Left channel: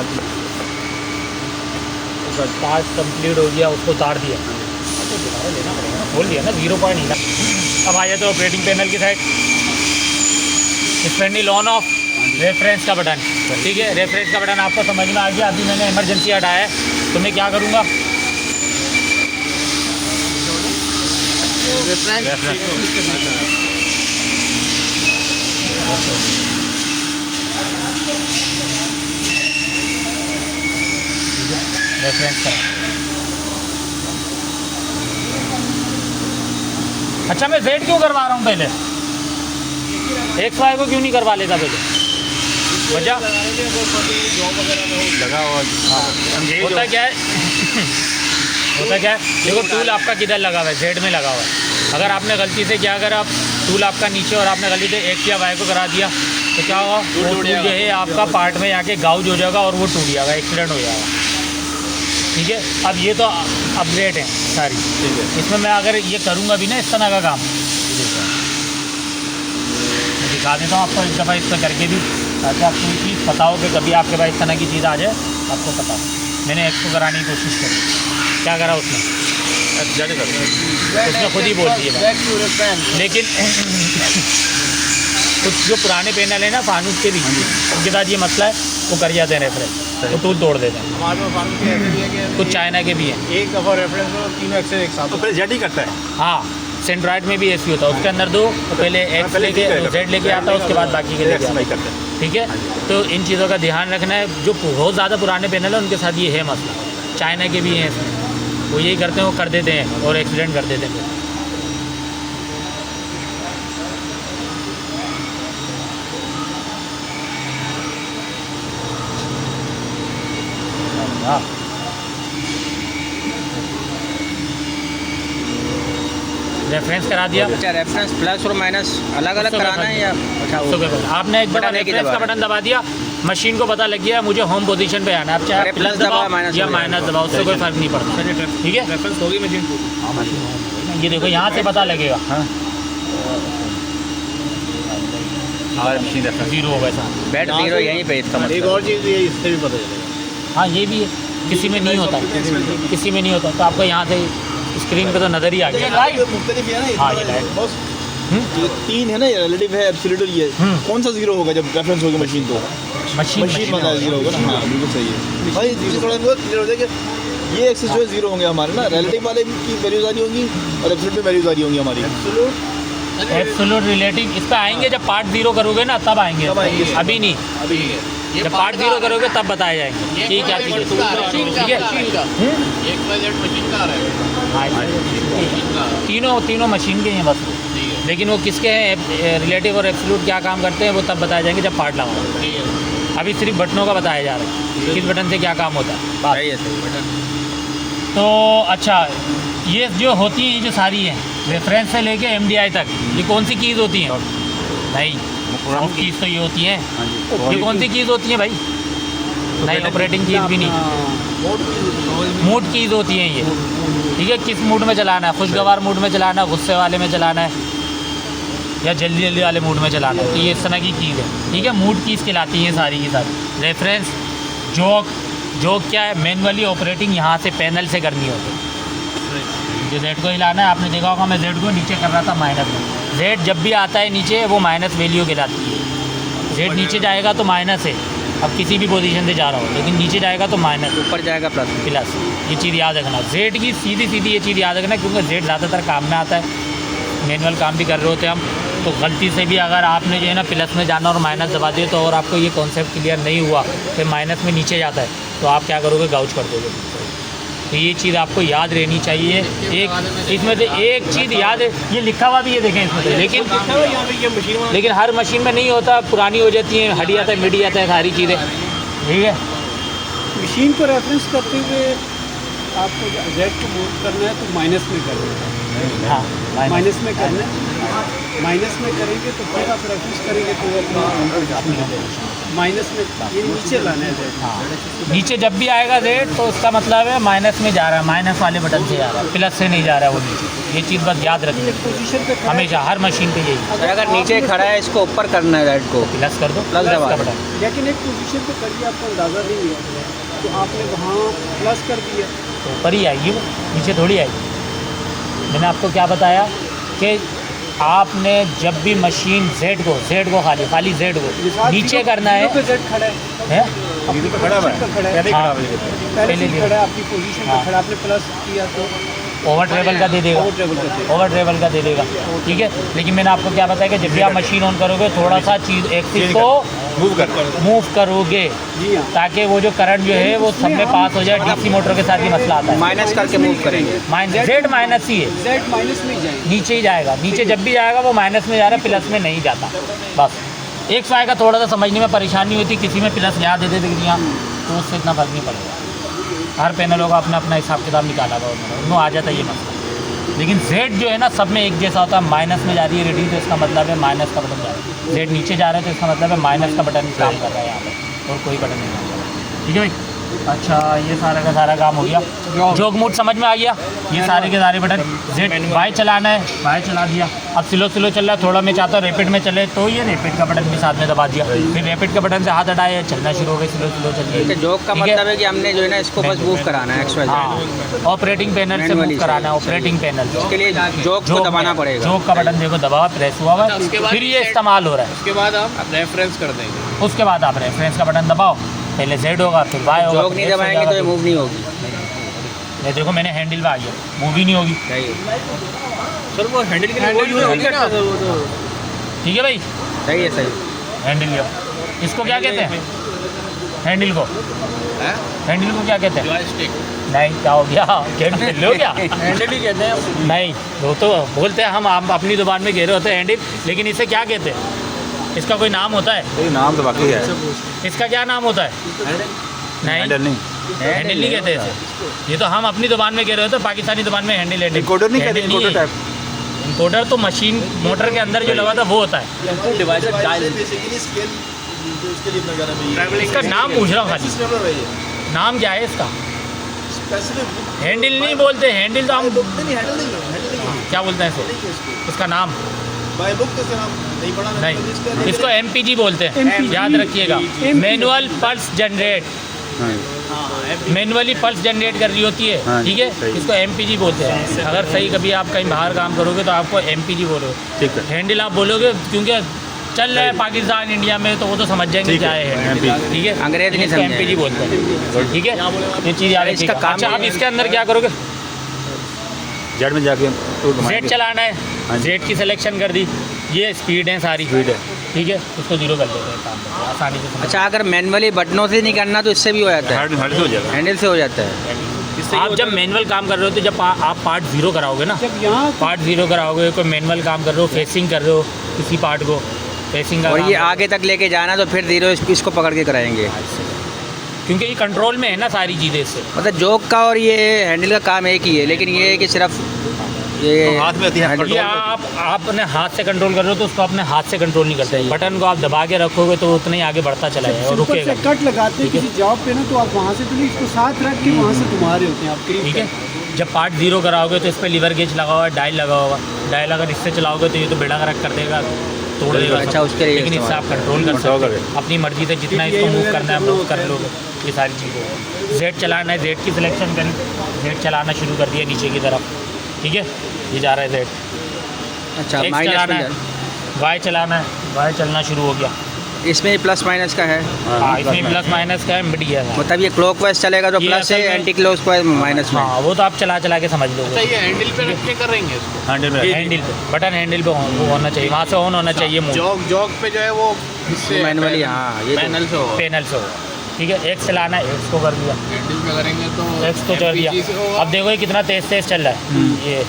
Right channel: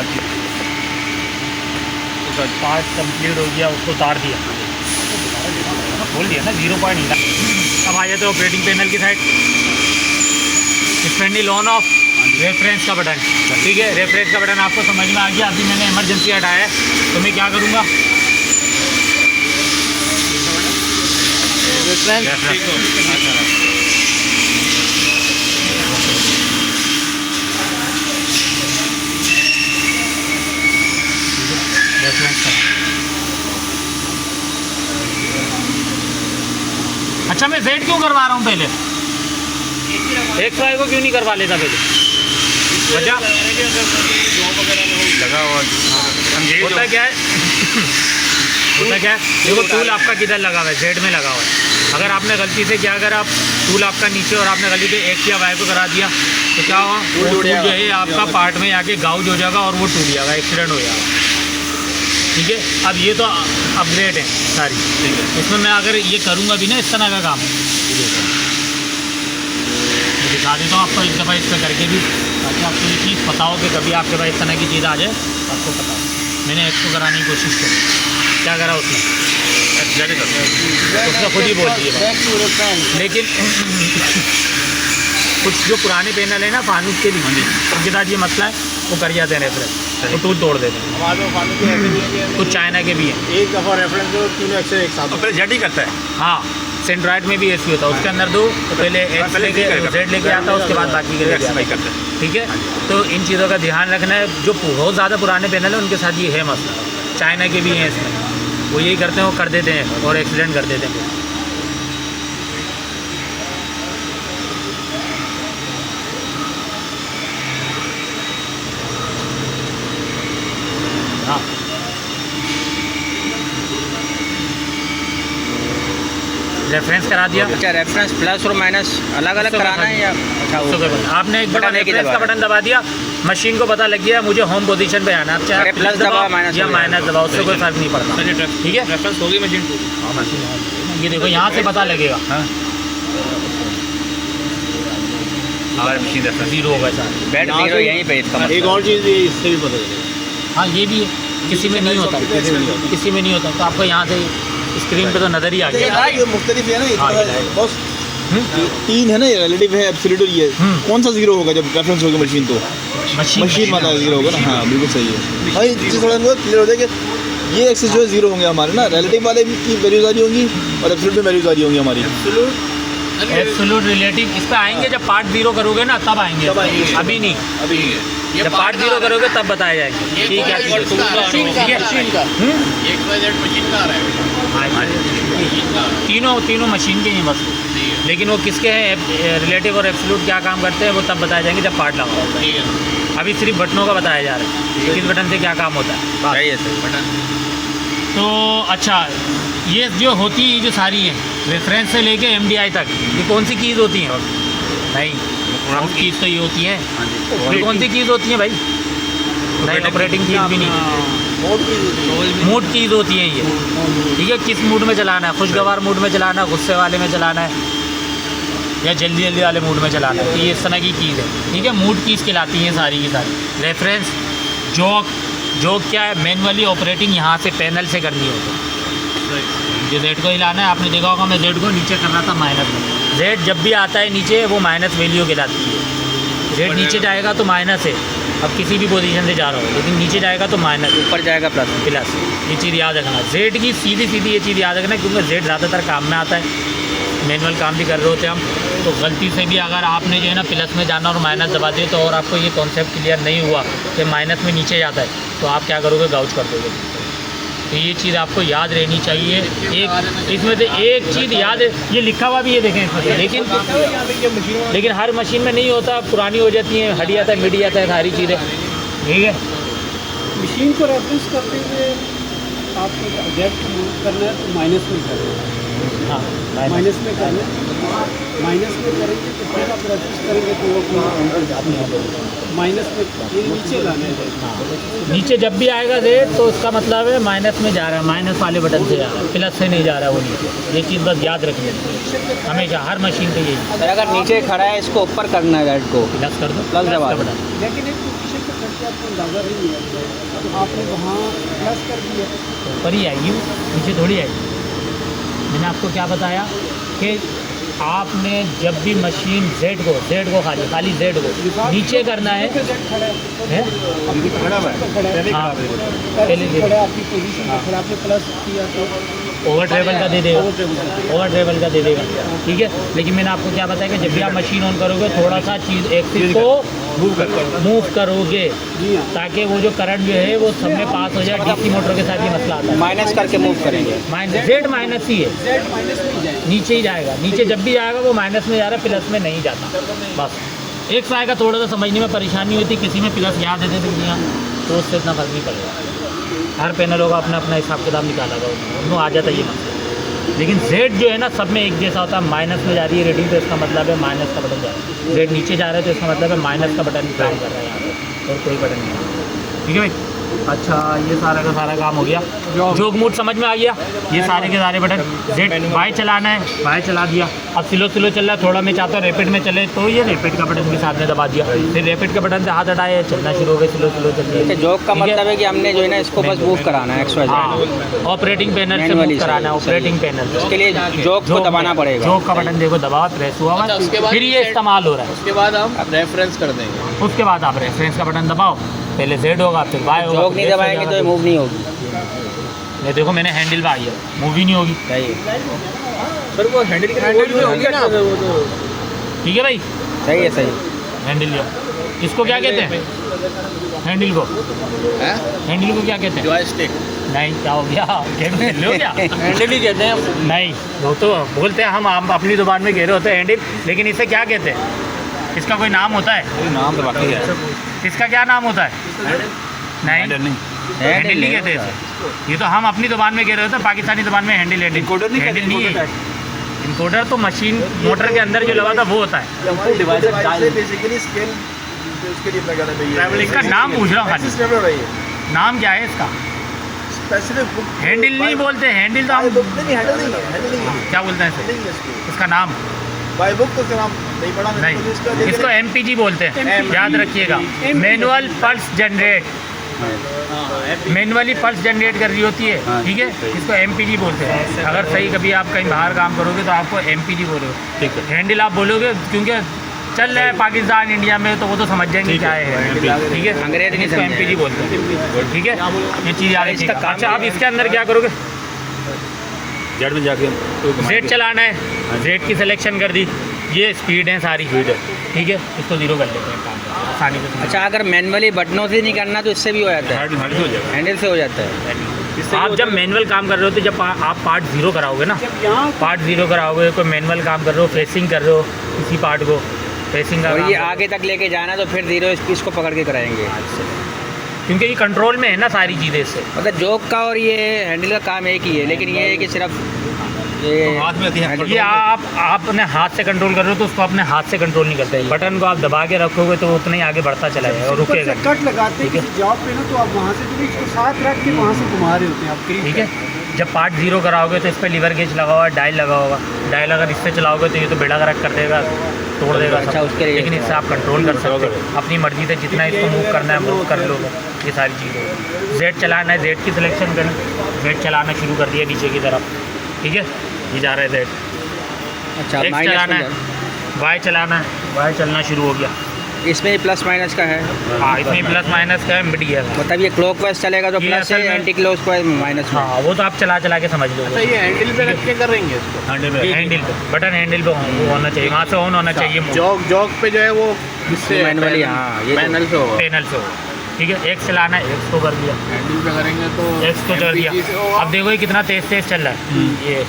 हाँ जी। तो part complete हो गया, उसको उतार दिया, बोल दिया ना 0 पॉइंट हिला। अब आ जाते ऑपरेटिंग पैनल की साइड, स्पेंडिल ऑन ऑफ, रेफरेंस का बटन, ठीक है। रेफरेंस का बटन आपको समझ में आ गया। अभी मैंने इमरजेंसी हटाया है, तो मैं क्या करूँगा, रेफरेंस का। अच्छा, मैं सेट क्यों करवा रहा हूँ पहले, एक फायर को क्यों नहीं करवा लेता पहले, वजह लगा हुआ होता क्या है होता क्या है, देखो टूल आपका किधर लगा हुआ है, जेड में लगा हुआ है। अगर आपने गलती से क्या करा, टूल आपका नीचे और आपने गलती से एक या वाई को करा दिया, तो क्या होगा, वो टूल जो है आपका पार्ट में आके गाउज हो जाएगा और वो टूट जाएगा, एक्सीडेंट हो जाएगा, ठीक है। अब ये तो अपग्रेड है सारी, ठीक है। इसमें मैं अगर ये करूँगा भी ना इस तरह का काम, दिखा देता हूँ आपको एक दफ़ा इसका करके भी, ताकि आपको ये चीज़ पता हो कि कभी आपके पास इस तरह की चीज़ आ जाए आपको पता हो। मैंने एक्सको कराने की कोशिश करी, क्या करा उसने, उसने खुद ही बोल दिया, लेकिन कुछ जो पुराने पैनल है ना फानूस के भी, उनके साथ ये मसला है, वो कर जाते हैं रेफरेंस, वो टूट तोड़ देते हैं। कुछ चाइना के भी हैं, एक दफ़ा रेफरेंस एक साथ जेड ही करता है। हाँ, सेंड्रॉइड में भी ऐसी होता है, उसके अंदर दो पहले एक्स लेके जेड लेके आता है, उसके बाद बाकी के लेके आता है, ठीक है। तो इन चीज़ों का ध्यान रखना है। जो बहुत ज़्यादा पुराने पैनल है उनके साथ ये है मसला, चाइना के भी हैं इसमें, वो यही करते हैं, वो कर देते हैं और एक्सीडेंट कर देते हैं। हाँ, रेफरेंस करा दिया। अच्छा, रेफरेंस प्लस और माइनस अलग अलग कराना है या अच्छा वो आपने एक बटन रेफरेंस का बटन दबा दिया, मशीन को पता लग गया मुझे होम पोजीशन पे आना है। आप चाहे प्लस दबा माइनस या माइनस दबा, उससे कोई फर्क नहीं पड़ता, ठीक है। रेफरेंस होगी मशीन को, ये देखो यहाँ से पता लगेगा, हमारी मशीन रेफरेंस 0 होगा चाहे, बेड जीरो यहीं पे इसका मतलब। एक और चीज़ ये इससे भी पता चलेगा। हाँ ये भी है, किसी में नहीं होता, किसी में नहीं होता, तो आपको यहाँ से स्क्रीन पे तो नज़र ही आ गया। मुख्तलिफ है ना, हाँ, ये है। बस 3 है ना, रिलेटिव है, एब्सोल्यूट ये कौन सा 0 होगा जब रेफरेंस होगा मशीन, तो मशीन मतलब 0 होगा ना। हाँ बिल्कुल सही है भाई, जिससे थोड़ा बहुत क्लियर हो जाए कि ये एक्सेस जो है 0 होंगे हमारे ना, रिलेटिव वाले की वैल्यूज आ रही होंगी और एब्सोल्यूट में वैल्यूज आ रही होंगी हमारी। एब्सोल्यूट रिलेटिव इस पे आएंगे जब पार्ट 0 करोगे ना, तब आएंगे, अभी नहीं। जब पार्ट 0 करोगे तब बताया जाएगा ठीक है, तीनों मशीन के हैं बस, लेकिन वो किसके हैं, रिलेटिव और एब्सोल्यूट क्या काम करते हैं वो तब बताया जाएंगे जब पार्ट लाऊंगा। अभी सिर्फ बटनों का बताया जा रहा है, किस बटन से क्या काम होता है। तो अच्छा, ये जो होती है, ये जो सारी है रेफरेंस से लेके MDI तक, ये कौन सी कीज़ होती हैं? नहीं, कीज़ तो ये होती हैं। ये कौन सी कीज़ होती है भाई? नहीं, ऑपरेटिंग कीज़ भी नहीं, मूड कीज़ होती है ये, ठीक है। किस मूड में चलाना है, खुशगवार मूड में चलाना है, गुस्से वाले में चलाना है, या जल्दी जल्दी वाले मूड में चलाना है, तो ये इस तरह की कीज़ है, ठीक है। मूड कीज़ कहलाती हैं सारी की सारी। रेफरेंस, जॉक क्या है, मैनुअली ऑपरेटिंग यहाँ से पैनल से करनी होती है। जो जेड को हिलाना है, आपने देखा होगा मैं जेड को नीचे कर रहा था माइनस में, जेड जब भी आता है नीचे वो माइनस वैल्यू कहलाती है। जेड नीचे जाएगा तो माइनस है, अब किसी भी पोजीशन से जा रहा हूँ, लेकिन नीचे जाएगा तो माइनस, ऊपर जाएगा प्लस। ये चीज़ याद रखना, जेड की सीधी ये चीज़ याद रखना, क्योंकि जेड ज़्यादातर काम में आता है, मैनुअल काम भी कर रहे होते हैं हम, तो गलती से भी अगर आपने जो है ना प्लस में जाना और माइनस दबा दिए, तो और आपको ये कॉन्सेप्ट क्लियर नहीं हुआ कि माइनस में नीचे जाता है, तो आप क्या करोगे, गाउज कर दोगे। तो ये चीज़ आपको याद रहनी चाहिए। एक इसमें से एक चीज़ याद है, ये लिखा हुआ भी ये देखें इसमें, लेकिन हर मशीन में नहीं होता, पुरानी हो जाती है, हट जाता है, मिट जाता है, सारी चीज़ें, ठीक है। मशीन को रेफरेंस करते हुए आपको जेड यूज़ करना है तो माइनस में करना है, हाँ, माइनस में करना है। माइनस में करेंगे तो फिर आप रेफरेंस करेंगे तो वो अपना माइनस में ये नीचे लाना है। नीचे जब भी आएगा रेट तो उसका मतलब है माइनस में जा रहा है, माइनस वाले बटन से जा रहा है, प्लस से नहीं जा रहा है वो नीचे। ये चीज़ बस याद रखिए पोजीशन पे हमेशा, हर मशीन पे यही सर अगर नीचे खड़ा है इसको ऊपर करना है रेड को, प्लस कर दो, प्लस दबा दो। बटन लेकिन एक पोजीशन पे करके आपको अंदाज़ा नहीं हुआ तो आपने वहाँ प्लस कर दिया। ऊपर ही आएगी वो, नीचे थोड़ी आएगी। मैंने आपको क्या बताया कि आपने जब भी मशीन जेड को खाली जेड को नीचे करना है, पे जेड खड़ा है, खड़ा हुआ है, खड़ा है, हाँ, पहले से खड़ा है आपकी पोजीशन पे खड़ा, आपने प्लस किया तो ओवर ट्रेवल का दे देगा, ओवर ट्रेवल कर देगा। ओवर ट्रेवल का दे देगा, ठीक है। लेकिन मैंने आपको क्या बताया कि जब भी आप मशीन ऑन करोगे थोड़ा सा चीज़ एक्सिस को मूव करोगे जी हाँ। ताकि वो जो करंट जो है वो सब में पास हो जाए। डीसी मोटर के साथ भी मसला आता है, माइनस करके मूव करेंगे। जेड माइनस ही है, जेड माइनस में ही जाएगा। नीचे ही जाएगा। नीचे जब भी जाएगा वो माइनस में जा रहा है, प्लस में नहीं जाता। बस एक फाय का थोड़ा सा समझने में परेशानी होती, किसी में प्लस याद देते थे कि यहाँ, तो उससे इतना फर्क नहीं पड़ेगा। हर पैनल होगा अपना अपना हिसाब किताब निकाला हुआ, वो आ जाता ही ना। लेकिन जेड जो है ना सब में एक जैसा होता है। माइनस में जा रही है रीडिंग तो इसका मतलब है माइनस का बटन जा रहा है, जेड नीचे जा रहा है तो इसका मतलब है माइनस का बटन काम कर रहा है यहाँ पर, और कोई बटन नहीं। ठीक है भाई, अच्छा ये सारा का सारा काम हो गया। जोग मोड समझ में आ गया। ये सारे के सारे बटन जेड बाय चलाना है, बाय चला दिया। अब स्लो चल रहा है, थोड़ा मैं चाहता हूँ रैपिड में चले तो ये रैपिड का बटन भी साथ में दबा दिया। फिर रैपिड के बटन से हाथ हटाए, चलना शुरू हो गया, स्लो चलिए। जॉब का मतलब है कि हमने जो है ना इसको बस मूव कराना है XYZ। हाँ, ऑपरेटिंग पैनल से मूव कराना है, ऑपरेटिंग पैनल। उसके लिए जॉब को दबाना पड़ेगा। जॉब का बटन देखो दबावा, प्रेस हुआ हुआ है, फिर ये इस्तेमाल हो रहा है। उसके बाद आप रेफरेंस कर देंगे। उसके बाद आप रेफरेंस का बटन दबाओ, पहले जेड होगा फिर वाई होगा। जॉब नहीं दबाएंगे तो ये मूव नहीं होगी। ये देखो मैंने हैंडल पे आई है, मूव ही नहीं होगी। सही सर वो हैंडल के लिए होगी ना, ठीक है भाई, सही है, सही। हैंडल लिया। इसको क्या कहते हैं? हैंडल को, हैंडल को क्या कहते हैं? जॉयस्टिक। नहीं, क्या हो गया? गेम खेल लो क्या? हैंडल ही कहते हैं। नहीं, वो तो बोलते हैं, हम अपनी जुबान में कह रहे होते हैं हैंडल, लेकिन इसे क्या कहते हैं? इसका कोई नाम होता है? कोई नाम तो बाकी है। इसका क्या नाम होता है? नहीं, हैंडल नहीं कहते इसे। ये तो हम अपनी जुबान में कह रहे होते हैं, पाकिस्तानी जुबान में हैंडल हैंडल। इनकोडर नहीं कहते, हैंडल नहीं इनकोडर है। इनकोडर तो मशीन मोटर के अंदर जो लगा था वो होता है। डिवाइसर डायल बेसिकली स्केल उसके लिए लगा रहा है। इसका नाम पूछ रहा हूँ खाली, नाम क्या है इसका? स्पेसिफिक हैंडल नहीं बोलते, हैंडल तो हम नहीं, हैंडल नहीं, क्या बोलते हैं इसे? इसका नाम बाय बुक तो नाम नहीं पढ़ा मैंने। नहीं, इसको MPG बोलते हैं, याद रखिएगा। Manual pulse generate, manually pulse generate कर रही होती है, ठीक है। इसको MPG बोलते हैं। अगर सही कभी आप कहीं बाहर काम करोगे तो आपको MPG बोलोगे। हैंडल आप बोलोगे क्योंकि चल रहा है पाकिस्तान इंडिया में, तो वो तो समझ जाएंगे क्या है, ठीक है। अंग्रेजी नहीं इसको समझेंगे। MPG बोलते हैं, ठीक है। ये चीज़ याद इसका रखिएगा। काम अच्छा, ये आप है। इसके अंदर क्या करोगे? जेड में जाके जेड चलाना है, जेड की सिलेक्शन कर दी, ये स्पीड है सारी, ठीक है। इसको 0 कर देते हैं, काम आसानी से समझ। अच्छा, अगर मैनुअली बटनों से नहीं करना तो इससे भी हो जाता है, हेड हो जाएगा। हैंडल से हो जाता है। आप जब मैनुअल काम कर रहे हो तो जब आप पार्ट 0 कराओगे ना, जब यहाँ पार्ट 0 कराओगे, कोई मैनुअल काम कर रहे हो, फेसिंग कर रहे हो किसी पार्ट को, फेसिंग का और काम ये कर रहे हो। आगे तक लेके जाना तो फिर 0 इसको पकड़ के कराएंगे। क्योंकि ये कंट्रोल में है ना सारी चीज़ें इससे। मतलब जॉब का और ये हैंडल का काम एक ही है, लेकिन ये है कि सिर्फ ये हाथ में आती है। ये आप अपने हाथ से कंट्रोल कर रहे हो तो उसको अपने हाथ से कंट्रोल नहीं करते। बटन को आप दबा के रखोगे तो उतना ही आगे बढ़ता चला जाएगा और ऊपर रुकेगा से कट लगाते हैं ठीक है। किसी जॉब पे ना, तो आप वहाँ से तो नहीं, इसको साथ रख के वहाँ से घुमा रहे होते हैं आप कहीं। ठीक है। जब पार्ट 0 कराओगे तो इस पर लीवर गेज लगा हुआ है, डायल लगा होगा। डायल अगर इससे चलाओगे तो ये तो बेड़ा गर्क कर देगा, तोड़ देगा। अच्छा, उसके लिए लेकिन इससे आप कंट्रोल कर सकते हो अपनी मर्जी से, जितना इसको मूव करना है मूव कर लोगे। ये सारी चीज़ें। जेड चलाना है, जेड की सिलेक्शन करी, जेड चलाना शुरू कर दिया नीचे की तरफ, ठीक है। ये जा रहा है जेड। अच्छा, एक्स माइनस चलाना में है, वाई चलाना है, वाई चलना शुरू हो गया। इसमें प्लस माइनस का है। हाँ, इसमें प्लस माइनस का है, मिड गियर का। मतलब ये क्लॉकवाइज चलेगा तो ये प्लस है, असल में- एंटी क्लॉकवाइज माइनस में। हाँ, वो तो आप चला के समझ लो। अच्छा, ये हैंडल पे रख के कर रहे हैं इसको। हैंडल में हैंडल पे बटन, हैंडल पे वो होना चाहिए, वहाँ से ऑन होना चाहिए। जॉग पे जो है वो इससे मैनुअली, हाँ, ये तो- मैनुअल से होगा। पैनल से हो, ठीक है। एक्स चलाना है, एक्स को कर दिया, हैंडल पे करेंगे तो एक्स को कर दिया। MPG से होगा। अब देखो ये कितना तेज चल रहा है ये।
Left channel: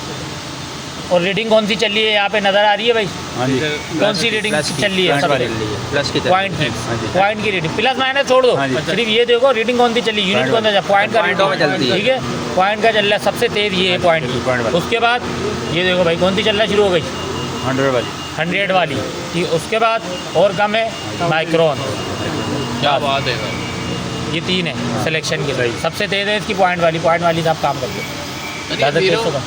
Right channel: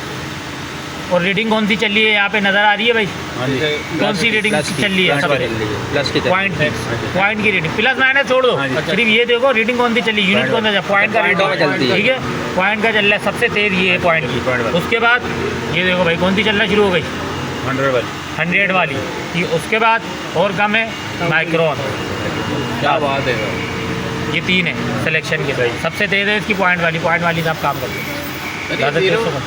और रीडिंग कौन सी चल रही है यहाँ पे नज़र आ रही है भाई? हाँ जी, कौन सी रीडिंग चल रही है? सबसे प्लस की पॉइंट की, पॉइंट की रीडिंग। प्लस माइनस छोड़ दो, सिर्फ ये देखो रीडिंग कौन सी चली, यूनिट कौन सा, पॉइंट का पॉइंटों में चलती है। ठीक है। पॉइंट का चल रहा है सबसे तेज, ये है पॉइंट की। पॉइंट वाला। उसके बाद ये देखो भाई कौन सी चलना शुरू हो गई, 100 वाली 100 वाली ये, उसके बाद और कम है माइक्रोन। क्या बात है। ये 3 है सिलेक्शन के। सबसे तेज़ है इसकी पॉइंट वाली से आप काम करते हैं ज़्यादा तेज़ तो कम।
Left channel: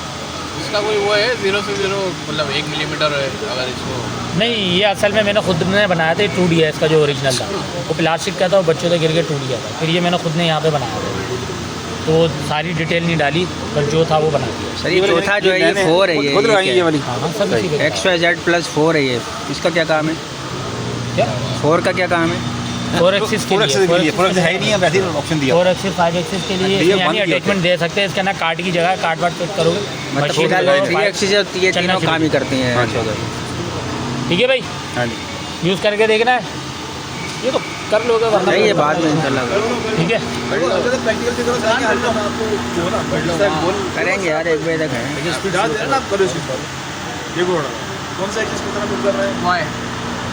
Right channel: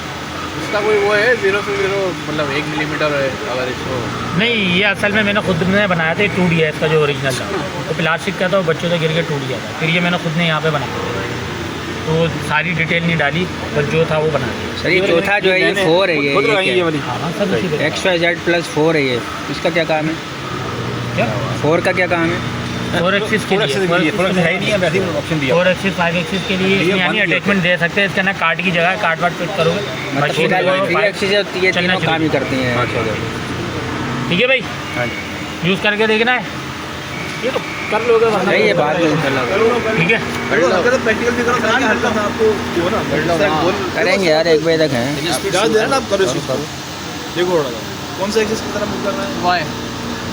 इसका कोई वो है 0 से 0 मतलब 1 मिलीमीटर है अगर इसको। नहीं, ये असल में मैंने खुद ने बनाया था। ये 2D है इसका जो ओरिजिनल था, वो प्लास्टिक का था, वो बच्चों से गिर के टूट गया था। फिर ये मैंने खुद ने यहाँ पे बनाया, तो सारी डिटेल नहीं डाली, बस जो था वो बनाया। सर ये चौथा जो है ये 4 है, ये वाली XYZ+4 है ये, इसका क्या काम है? क्या 4 का क्या काम है? 4 एक्सिस के लिए, 4 है ही नहीं है, वैसे ही ऑप्शन दिया 4 एक्सिस 5 एक्सिस के लिए इसमें यानी अटैचमेंट दे सकते हैं। इसके अंदर कार्ड की जगह कार्ड वार्ड फिट करोगे, मतलब मशीन फिलहाल लगाओ, 3 एक्सिस ये तीनों काम ही करती हैं। ठीक है भाई, हाँ जी, यूज़ करके देखना है, ये तो कर लोगे तो नहीं ये बाद में इंशाल्लाह ठीक है। प्रैक्टिकल की तरह बताएंगे, हल्का सा आपको जो है ना करेंगे यार, 1 बजे तक है। ज़्यादा देर ना आप करो इसको। देखो कौन सा एक्सेस की तरफ पुल कर रहे हैं?